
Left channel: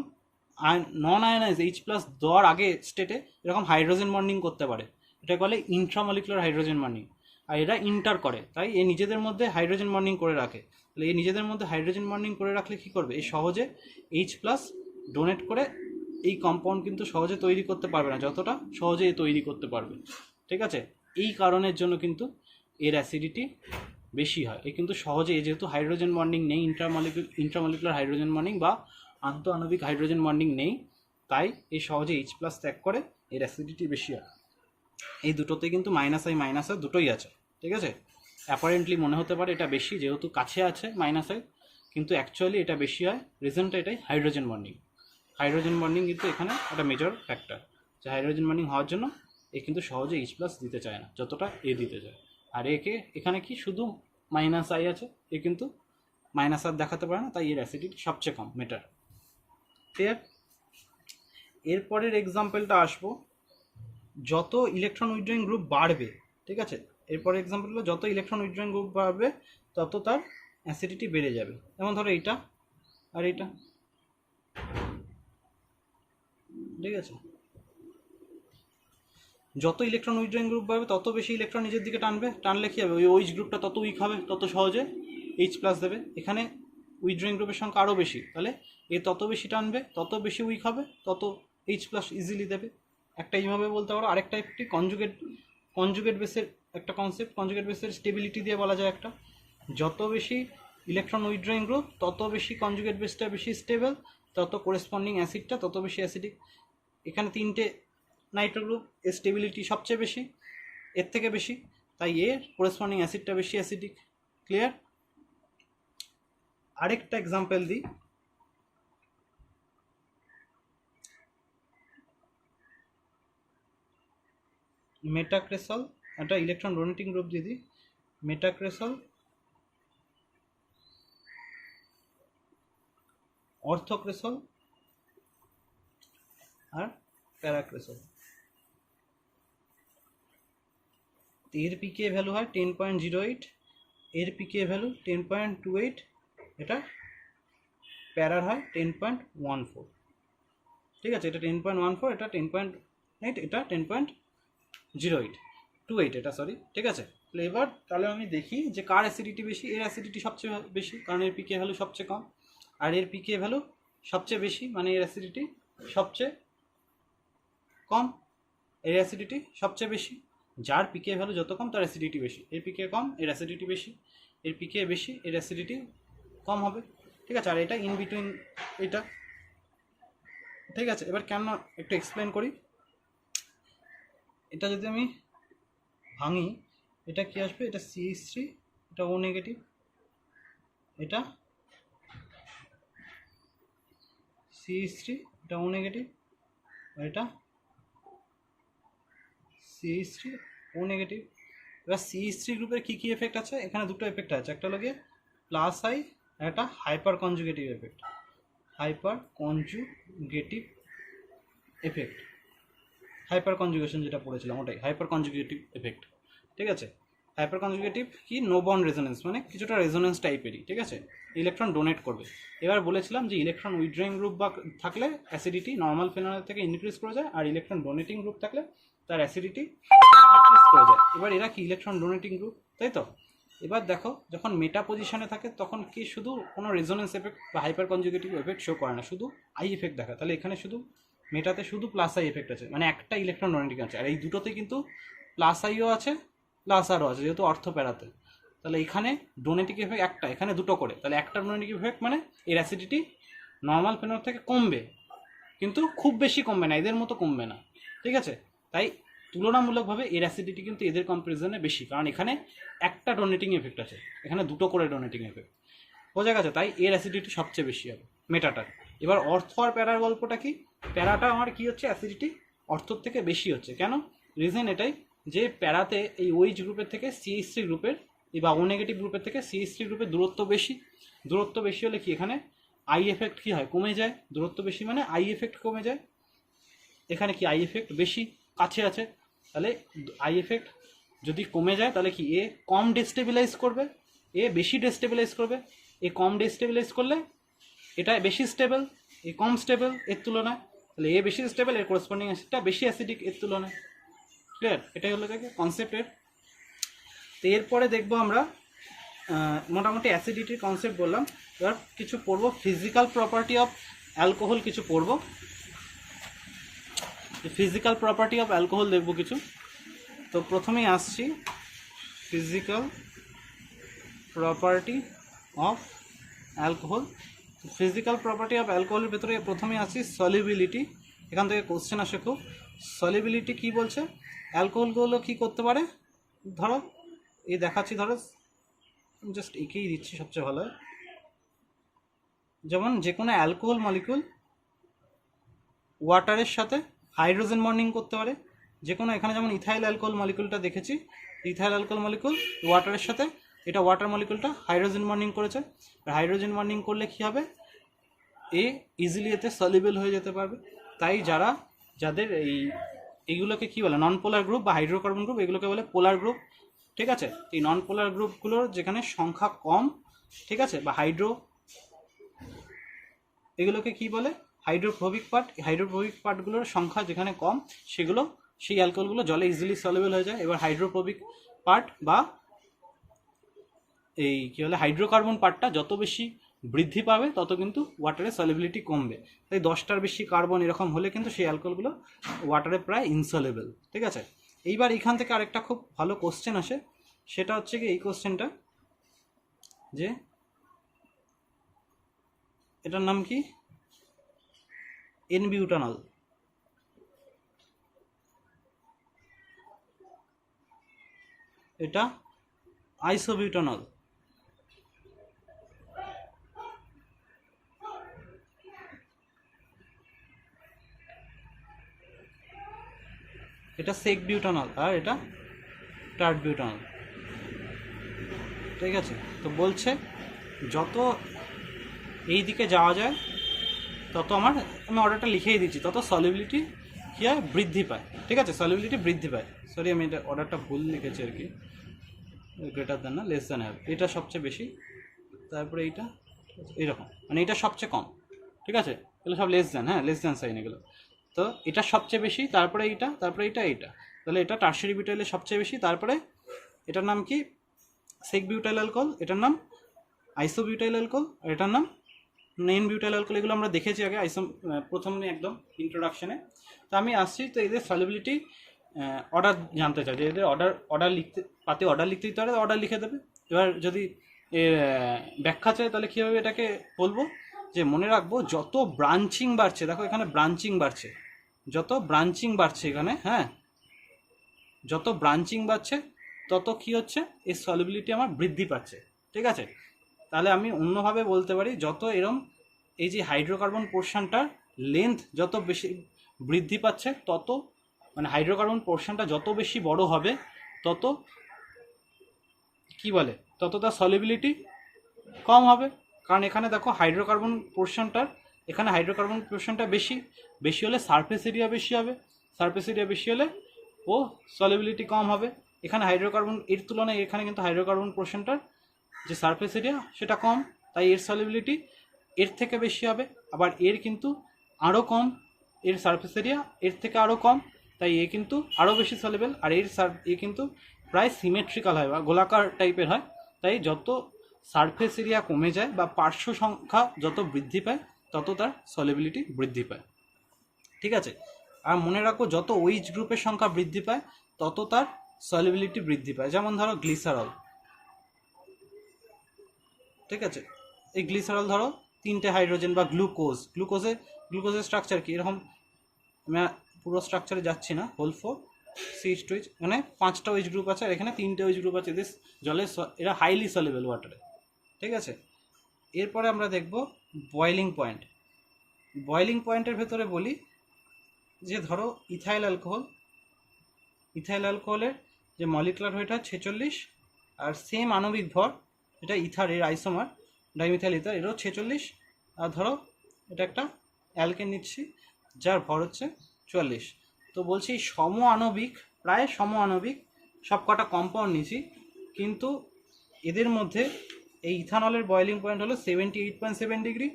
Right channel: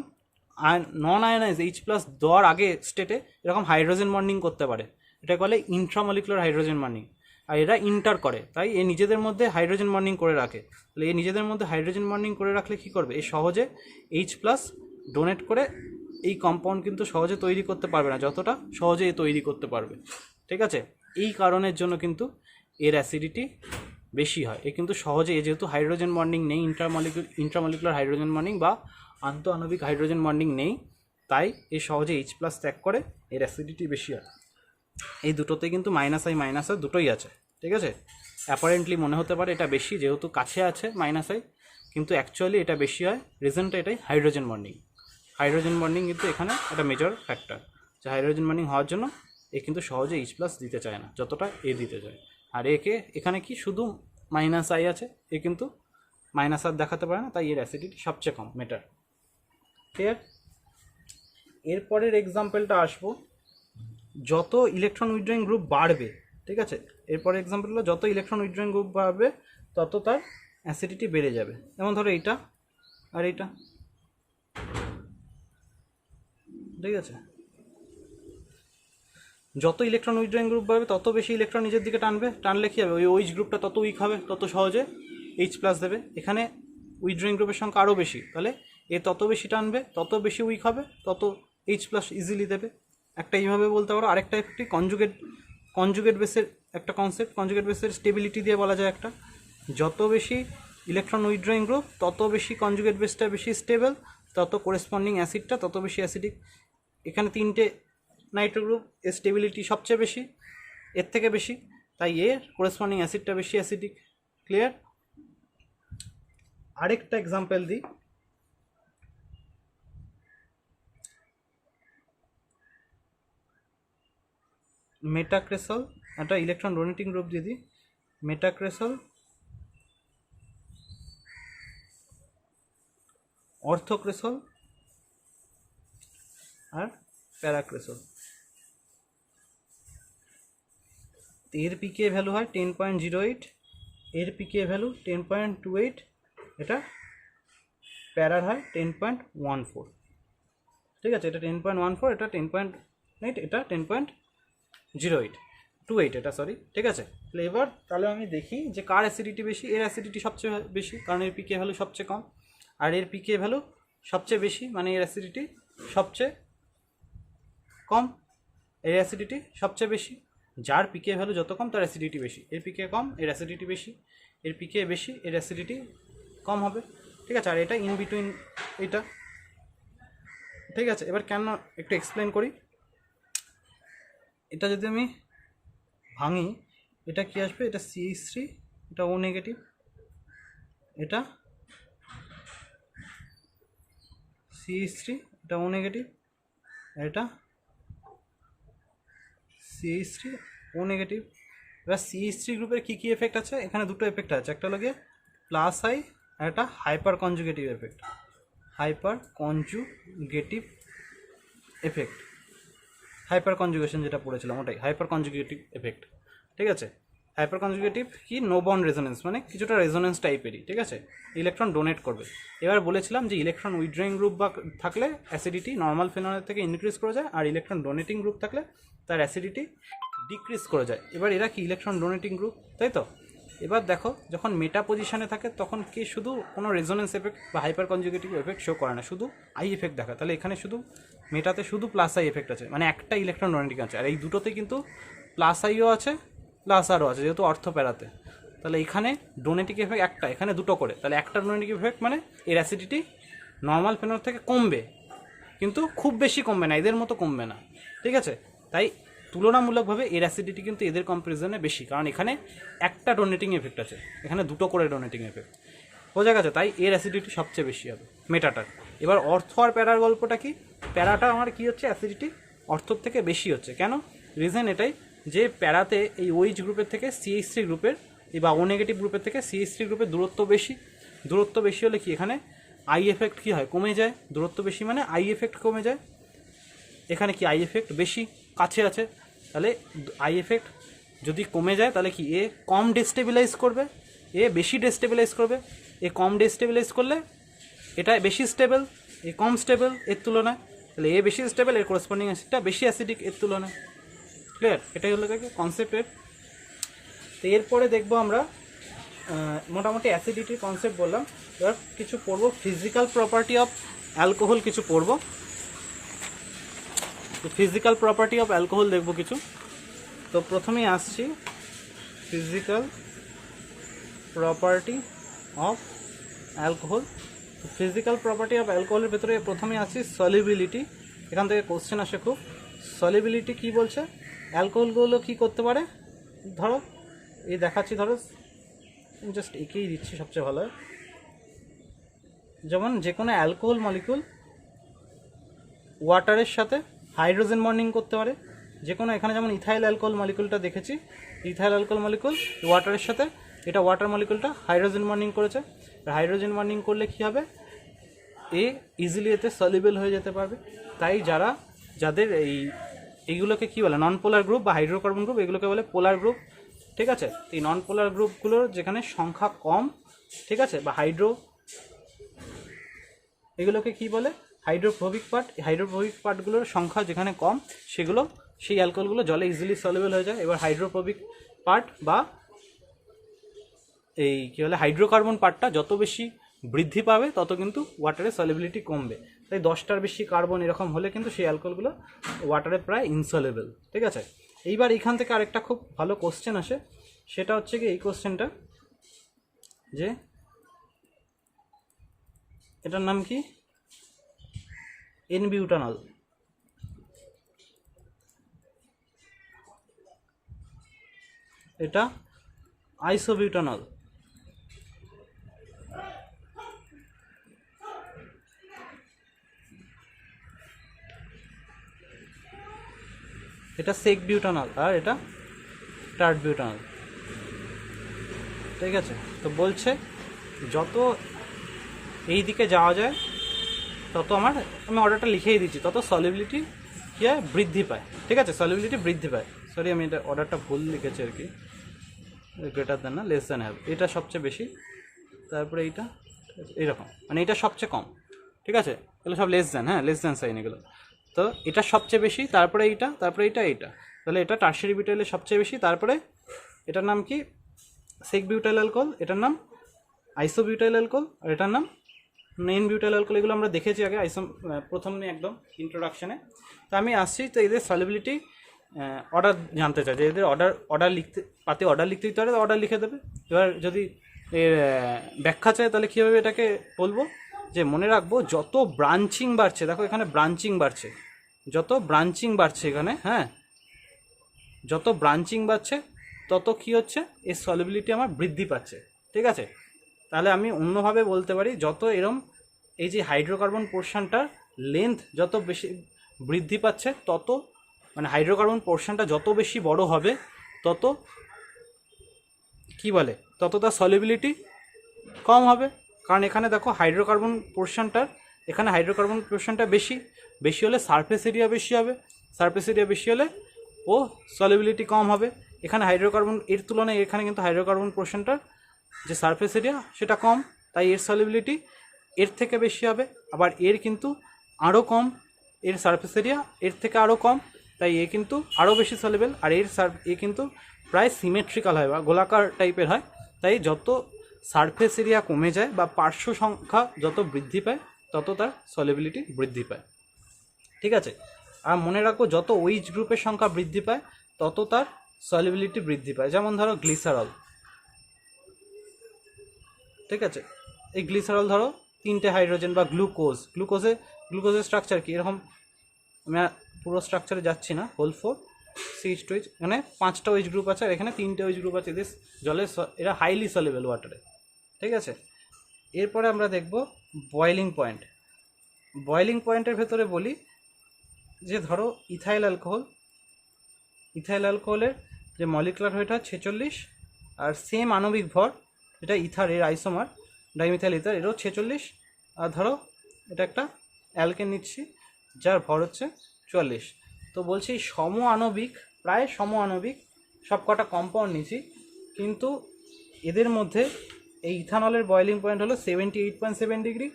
নন আয়নাইজ H+ দেওয়ার আগে স্টেটে এরকম হাইড্রোজেন বন্ডিং করতে পারে, এটা বলে ইন্ট্রামলিকুলার হাইড্রোজেন বন্ডিং। আর এরা ইন্টার করে, তাই এ নিজেদের মধ্যে হাইড্রোজেন বন্ডিং করে রাখে। তাহলে এই নিজেদের মধ্যে হাইড্রোজেন বন্ডিং করে রাখলে কী করবে, এই সহজে H+ ডোনেট করে এই কম্পাউন্ড কিন্তু সহজে তৈরি করতে পারবে না, যতটা সহজে এ তৈরি করতে পারবে। ঠিক আছে, এই কারণের জন্য কিন্তু এর অ্যাসিডিটি বেশি হয়। এ কিন্তু সহজে, যেহেতু হাইড্রোজেন বন্ডিং নেই, ইন্ট্রামলিকুলার হাইড্রোজেন বন্ডিং বা আন্তঃআণবিক হাইড্রোজেন বন্ডিং নেই, তাই এ সহজে H+ ত্যাগ করে, এর অ্যাসিডিটি বেশি হয়। এই দুটোতে কিন্তু -I দুটোই আছে। ঠিক আছে, অ্যাপারেন্টলি মনে হতে পারে এটা বেশি যেহেতু কাছে আছে -I, কিন্তু অ্যাকচুয়ালি এটা বেশি হয়। রিজনটা এটাই, হাইড্রোজেন বন্ডিং। হাইড্রোজেন বন্ডিং কিন্তু এখানে একটা মেজর ফ্যাক্টর, যে হাইড্রোজেন বন্ডিং হওয়ার জন্য এ কিন্তু সহজে H+ দিতে চায় না, যতটা এ দিতে চায়। আর একে এখানে কি শুধু -I আছে, এ কিন্তু -R দেখাতে পারে না, তাই এর অ্যাসিডিটি সবচেয়ে কম, মেটার। ক্লিয়ার? এরপরের এক্সাম্পলটা আসবো, যত ইলেকট্রন উইথড্রয়িং গ্রুপ বাড়বে, ঠিক আছে, এরপরে এক্সাম্পল হলো যত ইলেকট্রন উইথড্রয়িং গ্রুপ বাড়বে তত তার অ্যাসিডিটি বেড়ে যাবে। যেমন ধরো এইটা আর এইটা, ঠিক আছে, যত ইলেকট্রন উইথড্রয়িং গ্রুপ বাড়বে তত বেশি ইলেকট্রন নিজের দিকে টানবে, টানলে কী হবে, ওই OH গ্রুপটা তত উইক হবে, তত সহজে H+ দেবে। এখানে উইথড্রয়িং গ্রুপের সংখ্যা আরও বেশি, তাহলে এ তত বেশি টানবে, তত বেশি উইক হবে, তত H+ ইজিলি দেবে। একটা এইভাবে বলতে পারো। আরেকটা একটি কনজুগেট বেসের একটা কনসেপ্ট, কনজুগেট বেসের স্টেবিলিটি দিয়ে বলা যায় একটা, যত বেশি ইলেকট্রন উইথড্রয়িং গ্রুপ তত বেশি কনজুগেট বেসটা বেশি স্টেবল, তত করেসপন্ডিং অ্যাসিডটা তত বেশি অ্যাসিডিক। এখানে 3টে নাইট্রো গ্রুপ, এর স্টেবিলিটি সবচেয়ে বেশি, এর থেকে বেশি, তাই এর করেসপন্ডিং অ্যাসিডটা বেশি অ্যাসিডিক। ক্লিয়ার? আরেকটা এক্সাম্পল দিই, মেটাক্রেসল, একটা ইলেকট্রন ডোনেটিং গ্রুপ যদি মেটাক্রেসল, অর্থক্রেসল আর প্যারাক্রেসল, এর পিকে ভ্যালু হয় 10.08, এর পিকে ভ্যালু 10.28, এটা প্যারার হয় 10.14। ঠিক আছে, এটা 10.14, এটা 10.8, এটা 10.08, এটা সরি। ঠিক আছে, এবার তাহলে আমি দেখি যে কার অ্যাসিডিটি বেশি। এর অ্যাসিডিটি সবচেয়ে বেশি, কারণ এর পিকে ভ্যালু সবচেয়ে কম, আর এর পিকে ভ্যালু সবচেয়ে বেশি, মানে এর অ্যাসিডিটি সবচেয়ে কম, এর অ্যাসিডিটি সবচেয়ে বেশি। যার পিকে ভ্যালু যত কম তার অ্যাসিডিটি বেশি, এর পিকে কম এর অ্যাসিডিটি বেশি, এর পিকে বেশি এর অ্যাসিডিটি কম হবে। ঠিক আছে, আর এটা ইন বিটুইন এটা। ঠিক আছে, এবার কেন একটু এক্সপ্লেন করি। এটা যদি আমি ভাঙি, এটা কি আসবে, এটা CH3, এটা O নেগেটিভ, এটা CH3, এটা O নেগেটিভ, এটা CH3 O নেগেটিভ। এবার CH3 গ্রুপের কী কী এফেক্ট আছে, এখানে দুটো এফেক্ট আছে, একটা হলো গিয়ে +I আর একটা hyper conjugative effect. Hyper conjugative effect, hyper conjugation যেটা পড়েছিলাম ওটাই হাইপার কনজুগেটিভ এফেক্ট। ঠিক আছে, হাইপার কনজুগেটিভ কি, নো বন্ড রেজোনেন্স, মানে কিছুটা রেজোনেন্স টাইপেরই। ঠিক আছে, ইলেকট্রন ডোনেট করবে। এবার বলেছিলাম যে ইলেকট্রন উইথড্রয়িং গ্রুপ বা থাকলে অ্যাসিডিটি নর্মাল ফেনলের থেকে ইনক্রিজ করে যায়, আর ইলেকট্রন ডোনেটিং গ্রুপ থাকলে তার অ্যাসিডিটি ডিক্রিজ করে যায়। এবার এরা কি ইলেকট্রন ডোনেটিং গ্রুপ, তাই তো। এবার দেখো, যখন মেটা পজিশনে থাকে তখন কি শুধু কোনো রেজোনেন্স এফেক্ট বা হাইপার কনজুগেটিভ এফেক্ট শো করে না, শুধু আই এফেক্ট দেখা। তাহলে এখানে শুধু মেটাতে শুধু +I এফেক্ট আছে, মানে একটা ইলেকট্রন ডোনেটিং আছে, আর এই দুটোতে কিন্তু +Iও আছে +Rও আছে, যেহেতু অর্থ প্যারাতে। তাহলে এখানে ডোনেটিং এফেক্ট একটা, এখানে দুটো করে, তাহলে একটা ডোনেটিং এফেক্ট মানে এর অ্যাসিডিটি নর্মাল ফেনল থেকে কমবে, কিন্তু খুব বেশি কমবে না, এদের মতো কমবে না। ঠিক আছে, তাই তুলনামূলকভাবে এর অ্যাসিডিটি কিন্তু এদের কম্পারিজনে বেশি, কারণ এখানে একটা ডোনেটিং এফেক্ট আছে, এখানে দুটো করে ডোনেটিং এফেক্ট। বোঝা গেছে, তাই এর অ্যাসিডিটি সবচেয়ে বেশি হবে মেটাটার। এবার অর্থ আর প্যারার গল্পটা কি, প্যারাটা আমার কি হচ্ছে, অ্যাসিডিটি অর্থর থেকে বেশি হচ্ছে। কেন? রিজন এটাই যে প্যারাতে এই OH গ্রুপের থেকে CH3 গ্রুপের বা O নেগেটিভ গ্রুপের থেকে CH3 গ্রুপের দূরত্ব বেশি। দূরত্ব বেশি হলে কি, এখানে আই এফেক্ট কী হয়, কমে যায়। দূরত্ব বেশি মানে আই এফেক্ট কমে যায়। এখানে কি আই এফেক্ট বেশি কাছে আছে, তাহলে আই এফেক্ট যদি কমে যায় তাহলে কি এ কম ডেস্টেবিলাইজ করবে, এ বেশি ডেস্টেবিলাইজ করবে। এ কম ডেস্টেবিলাইজ করলে এটা বেশি স্টেবল, এ কম স্টেবল এর তুলনায়, তাহলে এ বেশি স্টেবল, এর করসপন্ডিং অ্যাসিডটা বেশি অ্যাসিডিক এর তুলনায়। ক্লিয়ার? এটাই হলো কনসেপ্টের। তো এরপরে দেখবো আমরা মোটামুটি অ্যাসিডিটির কনসেপ্ট বললাম, এবার কিছু পড়বো ফিজিক্যাল প্রপার্টি অফ অ্যালকোহল, কিছু পড়বো ফিজিক্যাল প্রপার্টি অফ অ্যালকোহল দেখবো কিছু। তো প্রথমেই আসছি physical property of alcohol. Physical property of অ্যালকোহলের ভেতরে প্রথমে আসছি সলিবিলিটি। এখান থেকে কোশ্চেন আসে খুব, সলিবিলিটি কি বলছে, অ্যালকোহলগুলো কি করতে পারে, ধরো এই দেখাচ্ছি, ধরো জাস্ট একেই দিচ্ছি সবচেয়ে ভালো হয়। যেমন যে কোনো অ্যালকোহল মলিকুল ওয়াটারের সাথে হাইড্রোজেন বন্ডিং করতে পারে, যে কোনো, এখানে যেমন ইথাইল অ্যালকোহল মলিকুলটা দেখেছি, ইথাইল অ্যালকোহল মলিকুল ওয়াটারের সাথে, এটা ওয়াটার মলিকুলটা হাইড্রোজেন বন্ডিং করেছে, হাইড্রোজেন বন্ডিং করলে কী হবে, এ ইজিলি এতে সলিবল হয়ে যেতে পারবে। তাই যাদের এইগুলোকে কী বলে, নন পোলার গ্রুপ বা হাইড্রোকার্বন গ্রুপ, এগুলোকে বলে পোলার গ্রুপ। ঠিক আছে? এই নন পোলার গ্রুপগুলোর যেখানে সংখ্যা কম, ঠিক আছে, বা এগুলোকে কি বলে, হাইড্রোফোবিক পার্ট। হাইড্রোফোবিক পার্টগুলোর সংখ্যা যেখানে কম, সেই অ্যালকোহলগুলো জলে ইজিলি সলিবল হয়ে যায়। এবার হাইড্রোফোবিক পার্ট বা এই কী বলে হাইড্রোকার্বন পার্টটা যত বেশি বৃদ্ধি পাবে তত কিন্তু ওয়াটারের সলিবিলিটি কমবে। তাই 10টার বেশি কার্বন এরকম হলে কিন্তু সেই অ্যালকোহলগুলো ওয়াটারে প্রায় ইনসলেবল। ঠিক আছে? এইবার এখান থেকে আরেকটা খুব ভালো কোশ্চেন আসে, সেটা হচ্ছে কি এই কোশ্চেনটা, যে এটার নাম কি, এন-বিউটানল। এটা আইসোবিউটানল। এটা সেক বিউটানল, আর এটা টার্ট বিউটানল। ঠিক আছে? তো বলছে যত এই দিকে যাওয়া যায় তত আমি অর্ডারটা লিখেই দিচ্ছি, তত সলিবিলিটি কী হয়, বৃদ্ধি পায়। ঠিক আছে? সলিবিলিটি বৃদ্ধি পায়। সরি, আমি এটা অর্ডারটা ভুল লিখেছি আর কি, গ্রেটার দেন না লেস দেন হ্যাভ, এটা সবচেয়ে বেশি, তারপরে এইটা এইরকম, মানে এটা সবচেয়ে কম। ঠিক আছে? এগুলো সব লেস দেন, হ্যাঁ লেস দেন সাইন এগুলো। তো এটা সবচেয়ে বেশি, তারপরে এইটা, তারপরে এইটা, তাহলে এটা টার্সিয়ারি বিউটাইলের সবচেয়ে বেশি, তারপরে এটার নাম কি, সেক বিউটাইল অ্যালকোহল, এটার নাম আইসোবিউটাইল অ্যালকোহল, আর এটার নাম নেন বিউটাইল অ্যালকোহল। এগুলো আমরা দেখেছি আগে প্রথমে একদম ইন্ট্রোডাকশনে। তো আমি আসছি, তো এদের সলিবিলিটি অর্ডার জানতে চাই, যে এদের অর্ডার লিখতে পাতে অর্ডার লিখতে দিতে পারে, অর্ডার লিখে দেবে। এবার যদি এর ব্যাখ্যা চাই তাহলে কীভাবে এটাকে বলবো, যে মনে রাখবো যত ব্রাঞ্চিং বাড়ছে, দেখো এখানে ব্রাঞ্চিং বাড়ছে, যত ব্রাঞ্চিং বাড়ছে এখানে, হ্যাঁ যত ব্রাঞ্চিং বাড়ছে তত কী হচ্ছে, এর সলিবিলিটি আমার বৃদ্ধি পাচ্ছে। ঠিক আছে? তাহলে আমি অন্যভাবে বলতে পারি, যত এরম এই যে হাইড্রোকার্বন পোর্শনটার লেন্থ যত বেশি বৃদ্ধি পাচ্ছে, তত মানে হাইড্রোকার্বন পোর্শনটা যত বেশি বড় হবে, তত কি বলে, তত তার সলিবিলিটি কম হবে। কারণ এখানে দেখো হাইড্রোকার্বন পোর্শনটা বেশি হলে সারফেস এরিয়া বেশি হবে, সারফেস এরিয়া বেশি হলে ও সলিবিলিটি কম হবে। এখানে হাইড্রোকার্বন এর তুলনায় এখানে কিন্তু হাইড্রোকার্বন পোর্শনটার যে সারফেস এরিয়া সেটা কম, তাই এর সলিবিলিটি এর থেকে বেশি হবে। আবার এর কিন্তু আরও কম, এর সারফেস এরিয়া এর থেকে আরও কম, তাই এ কিন্তু আরও বেশি সলিবল। আর এ কিন্তু প্রায় সিমেট্রিক্যাল হয় বা গোলাকার টাইপের হয়। তাই যত সারফেস এরিয়া কমে যায় বা পার্শ্ব সংখ্যা যত বৃদ্ধি পায়, তত তার সলিবিলিটি বৃদ্ধি পায়। ঠিক আছে? আর মনে রাখো, যত ওইচ গ্রুপের সংখ্যা বৃদ্ধি পায় তত তার সলিবিলিটি বৃদ্ধি পায়। যেমন ধরো গ্লিসারল। ঠিক আছে? এই গ্লিসারল ধরো 3টে হাইড্রোজেন, বা গ্লুকোজের স্ট্রাকচার কি এরকম, আমি পুরো স্ট্রাকচারে যাচ্ছি না, হোল 4 CH2H, মানে 5টা ওইচ গ্রুপ আছে, আর এখানে 3টে ওইচ গ্রুপ আছে। এদের জলে এরা হাইলি সলিবল ওয়াটারে। ঠিক আছে? এরপরে আমরা দেখব বয়েলিং পয়েন্ট। বয়েলিং পয়েন্টের ভেতরে বলি যে ধরো ইথাইল অ্যালকোহলের যে মলিকুলার ওয়েট হয় 46, আর সেম আণবিক ভর, এটা ইথারের আইসোমার ডাইমিথাইল ইথার, এরও 46। আর ধরো এটা একটা অ্যালকেন নিচ্ছি যার ভর হচ্ছে 44। তো বলছি সম আণবিক, প্রায় সম আণবিক সব কটা কম্পাউন্ড নিয়েছি, কিন্তু এদের মধ্যে এই ইথানলের বয়েলিং পয়েন্ট হলো 78.7 ডিগ্রি,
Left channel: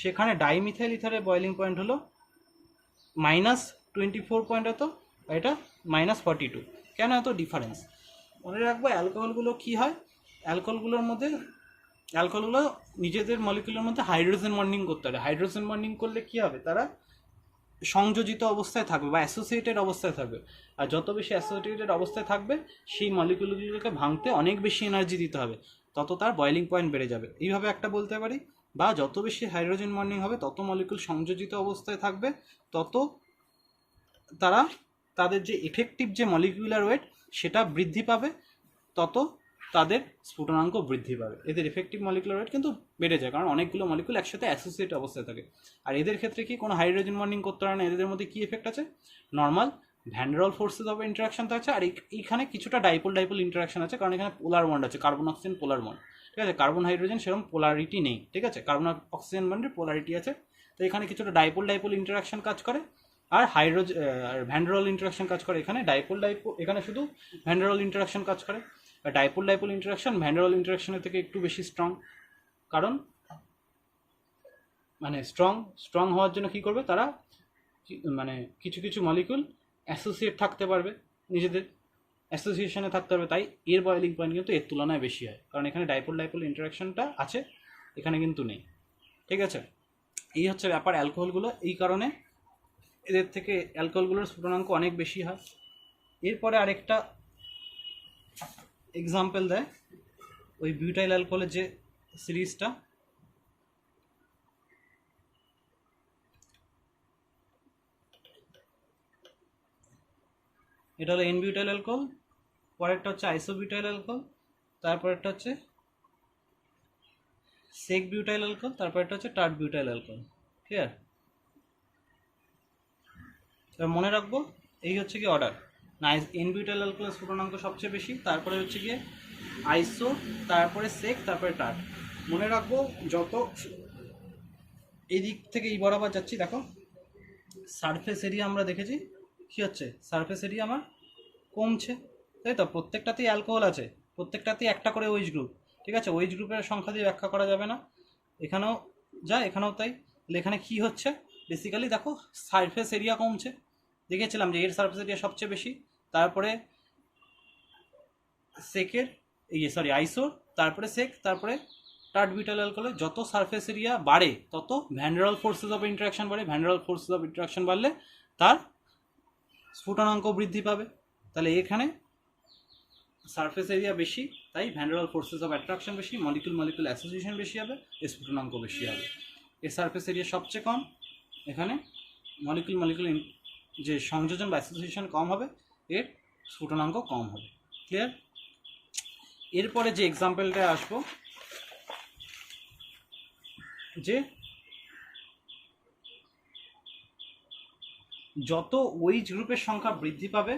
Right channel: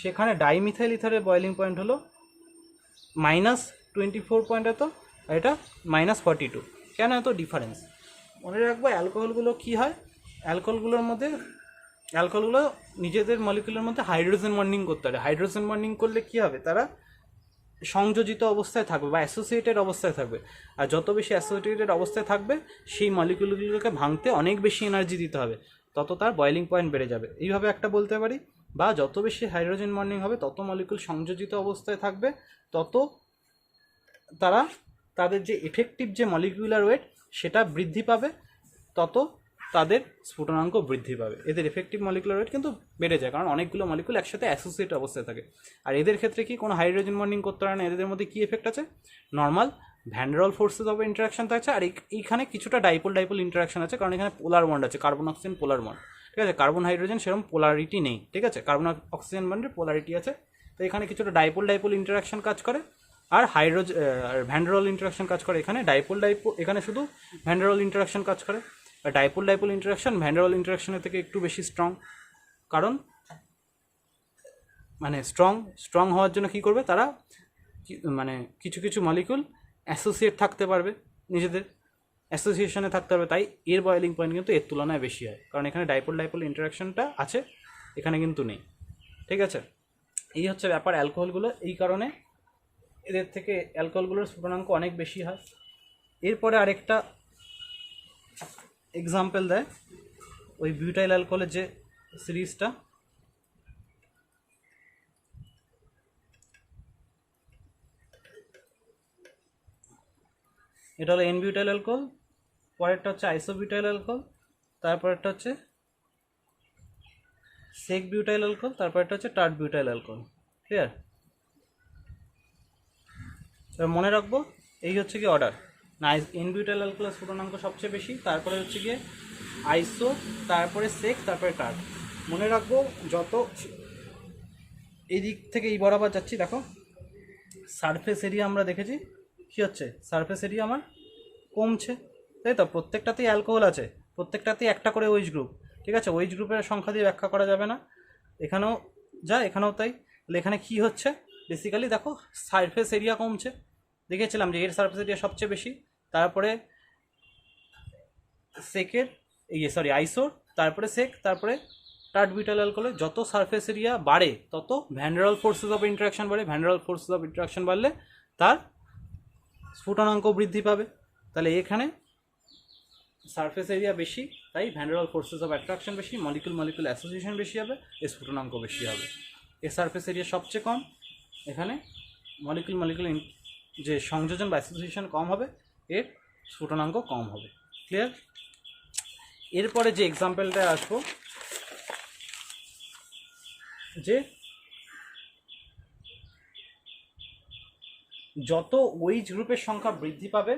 সেখানে ডাইমিথাইল ইথারের বয়েলিং পয়েন্ট হলো -24 পয়েন্ট এত, আর এটা -42। কেন এত ডিফারেন্স? মনে রাখবো অ্যালকোহলগুলো কী হয়, অ্যালকোহলগুলো নিজেদের মলিকুলের মধ্যে হাইড্রোজেন বন্ডিং করতে পারে। হাইড্রোজেন বন্ডিং করলে কী হবে, তারা সংযোজিত অবস্থায় থাকবে বা অ্যাসোসিয়েটেড অবস্থায় থাকবে, আর যত বেশি অ্যাসোসিয়েটেড অবস্থায় থাকবে সেই মলিকুলগুলোকে ভাঙতে অনেক বেশি এনার্জি দিতে হবে, তত তার বয়েলিং পয়েন্ট বেড়ে যাবে। এইভাবে একটা বলতে পারি। বা যত বেশি হাইড্রোজেন বন্ডিং হবে তত মলিকুল সংযোজিত অবস্থায় থাকবে, তত তারা তাদের যে এফেক্টিভ যে মলিকুলার ওয়েট সেটা বৃদ্ধি পাবে, তত তাদের স্ফুটনাঙ্ক বৃদ্ধি পাবে। এদের এফেক্টিভ মলিকুলার ওয়েট কিন্তু বেড়ে যায়, কারণ অনেকগুলো মলিকুল একসাথে অ্যাসোসিয়েট অবস্থায় থাকে। আর এদের ক্ষেত্রে কি কোনো হাইড্রোজেন বন্ডিং করতে পারে না, এদের মধ্যে কী এফেক্ট আছে, নর্মাল ভ্যান ডের ওয়াল ফোর্সেস অফ ইন্টারাকশন থাকছে, আর এইখানে কিছুটা ডাইপোল ইন্টারাকশন আছে, কারণ এখানে পোলার বন্ড আছে, কার্বন অক্সিজেন পোলার বন্ড, ঠিক আছে। কার্বন হাইড্রোজেন সেরকম পোলারিটি নেই, ঠিক আছে, কার্বন অক্সিজেন বন্ডের পোলারিটি আছে, তো এখানে কিছুটা ডাইপোল ইন্টারাকশন কাজ করে, আর ভ্যান ডের ওয়াল ইন্টারাকশন কাজ করে। এখানে এখানে শুধু ভ্যান ডের ওয়াল ইন্টারাকশন কাজ করে। ডাইপোল ইন্টারাকশন ভ্যান ডের ওয়াল ইন্টারাকশনের থেকে একটু বেশি স্ট্রং, কারণ মানে স্ট্রং হওয়ার জন্য কী করবে তারা, মানে কিছু কিছু মলিকুল অ্যাসোসিয়েট থাকতে পারবে, নিজেদের অ্যাসোসিয়েশনে থাকতে পারবে, তাই এর বয়েলিং পয়েন্ট কিন্তু এর তুলনায় বেশি হয়, কারণ এখানে ডাইপোল ইন্টারাকশনটা আছে, এখানে কিন্তু নেই, ঠিক আছে। এই হচ্ছে ব্যাপার অ্যালকোহলগুলো, এই কারণে এদের থেকে অ্যালকোহলগুলোর স্ফুটনাঙ্ক অনেক বেশি হয়। এরপরে আরেকটা এক্সাম্পল দেয় ওই বিউটাইল অ্যালকোহলের যে সিরিজটা, এটা হলো এন বিউটাইল অ্যালকোহল, পরেরটা হচ্ছে আইসোবিউটাইল অ্যালকোহল, তারপরেরটা হচ্ছে সেক বিউটাইল অ্যালকোহল, তারপরেরটা হচ্ছে টার্ট বিউটাইল অ্যালকোহল। ক্লিয়ার? এবার মনে রাখবো এই হচ্ছে কি অর্ডার, না এন বিউটাইল অ্যালকোহলের স্ফুটনাঙ্ক সবচেয়ে বেশি, তারপরে হচ্ছে গিয়ে আইসো, তারপরে সেক, তারপরে টার্ট। মনে রাখবো যত এই দিক থেকে এই বরাবর যাচ্ছি, দেখো সারফেস এরিয়া আমরা দেখেছি কী হচ্ছে, সারফেস এরিয়া আমার কমছে, তাই তো। প্রত্যেকটাতেই অ্যালকোহল আছে, প্রত্যেকটাতেই একটা করে ওইচ গ্রুপ, ঠিক আছে। ওইচ গ্রুপের সংখ্যা দিয়ে ব্যাখ্যা করা যাবে না, এখানেও যা এখানেও তাই। তাহলে এখানে কী হচ্ছে, বেসিক্যালি দেখো সারফেস এরিয়া কমছে, দেখেছিলাম যে এর সারফেস এরিয়া সবচেয়ে বেশি, তারপরে সেকের আইসোর, তারপরে সেক, তারপরে টার্ট বিউটাইল অ্যালকোহলে যত সারফেস এরিয়া বাড়ে তত ভ্যান ডের ওয়াল ফোর্সেস অফ ইন্টারাকশন বাড়ে, ভ্যান ডের ওয়াল ফোর্সেস অফ ইন্টারাকশন বাড়লে তার স্ফুটনাঙ্ক বৃদ্ধি পাবে। তাহলে এখানে সারফেস এরিয়া বেশি, তাই ভ্যান ডের ওয়াল ফোর্সেস অফ অ্যাট্রাকশন বেশি, মলিকুল অ্যাসোসিয়েশন বেশি হবে, এর স্ফুটনাঙ্ক বেশি হবে। এর সারফেস এরিয়া সবচেয়ে কম, এখানে মলিকুল যে সংযোজন বা অ্যাসোসিয়েশন কম হবে, এর স্ফুটনাঙ্ক কম হবে। ক্লিয়ার? এরপরে যে এক্সাম্পলটা আসবো, যে যত ওইচ গ্রুপের সংখ্যা বৃদ্ধি পাবে,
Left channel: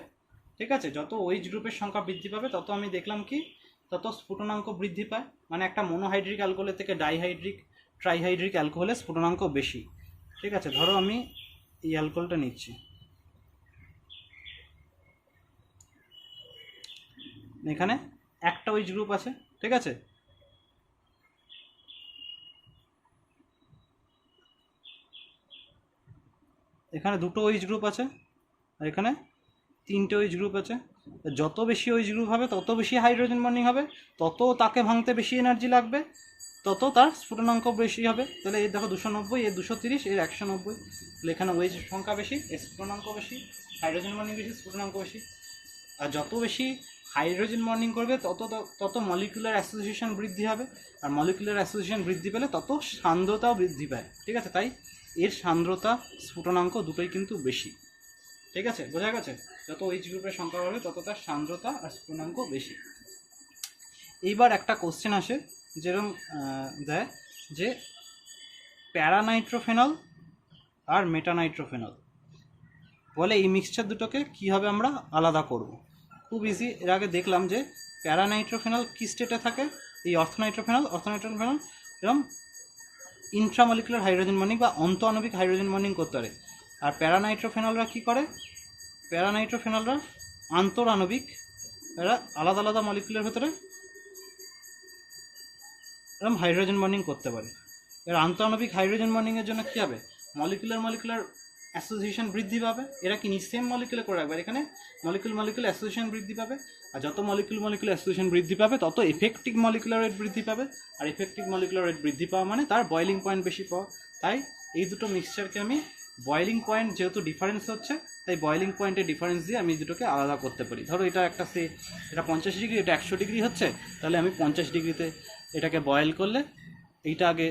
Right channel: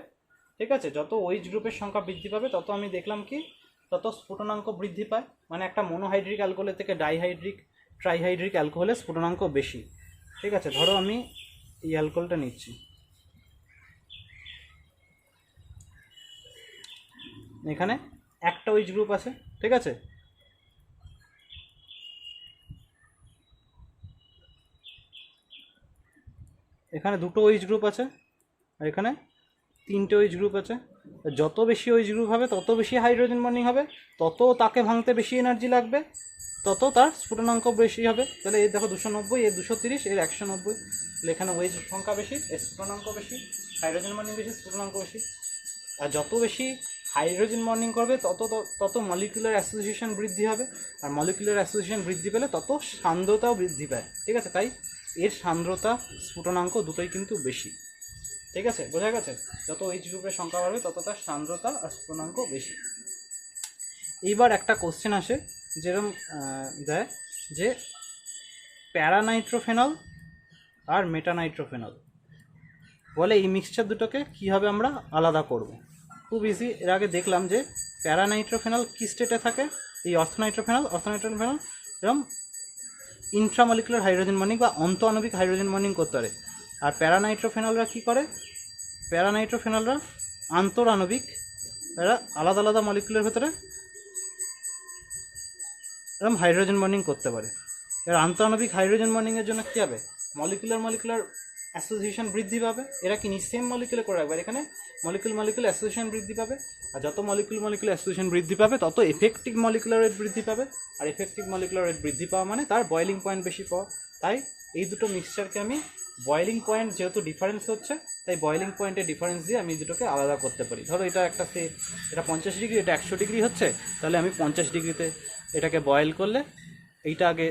ঠিক আছে, যত ওইচ গ্রুপের সংখ্যা বৃদ্ধি পাবে তত আমি দেখলাম কি তত স্ফুটনাঙ্ক বৃদ্ধি পায়। মানে একটা মনোহাইড্রিক অ্যালকোহলের থেকে ট্রাইহাইড্রিক অ্যালকোহলের স্ফুটনাঙ্ক বেশি, ঠিক আছে। ধরো আমি এই অ্যালকোহলটা নিচ্ছি, এখানে একটা ওইচ গ্রুপ আছে, ঠিক আছে, এখানে দুটো ওইচ গ্রুপ আছে, আর এখানে তিনটে ওইচ গ্রুপ আছে। যত বেশি ওইচ গ্রুপ হবে তত বেশি হাইড্রোজেন বন্ডিং হবে, তত তাকে ভাঙতে বেশি এনার্জি লাগবে, তত তার স্ফুটনাঙ্ক বেশি হবে। তাহলে এর দেখো 290, এর 230, এর 190। তাহলে এখানে ওইচ সংখ্যা বেশি, এর স্ফুটনাঙ্ক বেশি, হাইড্রোজেন বন্ডিং বেশি, স্ফুটনাঙ্ক বেশি। আর যত বেশি হাইড্রোজেন বন্ডিং করবে তত মলিকুলার অ্যাসোসিয়েশন বৃদ্ধি হবে, আর মলিকুলার অ্যাসোসিয়েশন বৃদ্ধি পেলে তত সান্দ্রতাও বৃদ্ধি পায়, ঠিক আছে। তাই এর সান্দ্রতা স্ফুটনাঙ্ক দুটোই কিন্তু বেশি, ঠিক আছে, বোঝা গেছে। যত এইচ গ্রুপের সংখ্যা বাড়বে তত তার সান্দ্রতা আর স্ফুটনাঙ্ক বেশি। এইবার একটা কোশ্চেন আসে যেরকম দেয় যে প্যারানাইট্রোফেনল আর মেটানাইট্রোফেনল, বলে এই মিক্সচার দুটোকে কীভাবে আমরা আলাদা করব। খুব ইজি, এর আগে দেখলাম যে প্যারানাইট্রোফেনল কী স্টেটে থাকে, এই অর্থনাইট্রোফেনল এরকম ইন্ট্রামলিকুলার হাইড্রোজেন বন্ডিং বা অন্তঃআণবিক হাইড্রোজেন বন্ডিং করতে পারে। আর প্যারানাইট্রোফেনলরা কী করে? প্যারানাইট্রোফেনলরা আন্তরাণবিক, এরা আলাদা আলাদা মলিকুলের ভেতরে এরকম হাইড্রোজেন বন্ডিং করতে পারে। এর আন্তঃআণবিক হাইড্রোজেন বন্ডিংয়ের জন্য কী হবে? মলিকুলার অ্যাসোসিয়েশন বৃদ্ধি পাবে। এরা কি সেম মলিকুলে করে রাখবে, এখানে মলিকুল অ্যাসোসিয়েশন বৃদ্ধি পাবে। আর যত মলিকুল অ্যাসোসিয়েশন বৃদ্ধি পাবে তত এফেক্টিভ মলিকুলার রেট বৃদ্ধি পাবে। আর এফেক্টিভ মলিকুলার রেট বৃদ্ধি পাওয়া মানে তার বয়েলিং পয়েন্ট বেশি পাওয়া। তাই এই দুটো মিক্সচারকে আমি বয়েলিং পয়েন্ট, যেহেতু ডিফারেন্স হচ্ছে তাই বয়েলিং পয়েন্টের ডিফারেন্স দিয়ে আমি দুটোকে আলাদা করতে পারি। ধরো এটা এটা 50 ডিগ্রি, এটা 100 ডিগ্রি হচ্ছে, তাহলে আমি 50 ডিগ্রিতে এটাকে বয়েল করলে এইটা আগে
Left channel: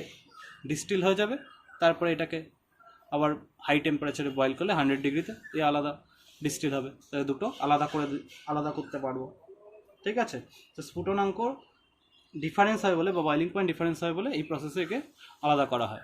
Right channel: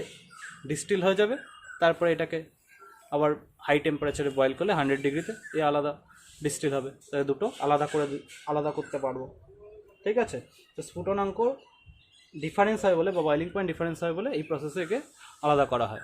ডিস্টিল হয়ে যাবে, তারপরে এটাকে আবার হাই টেম্পারেচারে বয়েল করলে 100 ডিগ্রিতে এ আলাদা ডিস্টিল হবে। তাই দুটো আলাদা করতে পারবো। ঠিক আছে? তো স্ফুটনাঙ্ক ডিফারেন্স হয় বলে বা বয়েলিং পয়েন্ট ডিফারেন্স হয় বলে এই প্রসেসে একে আলাদা করা হয়।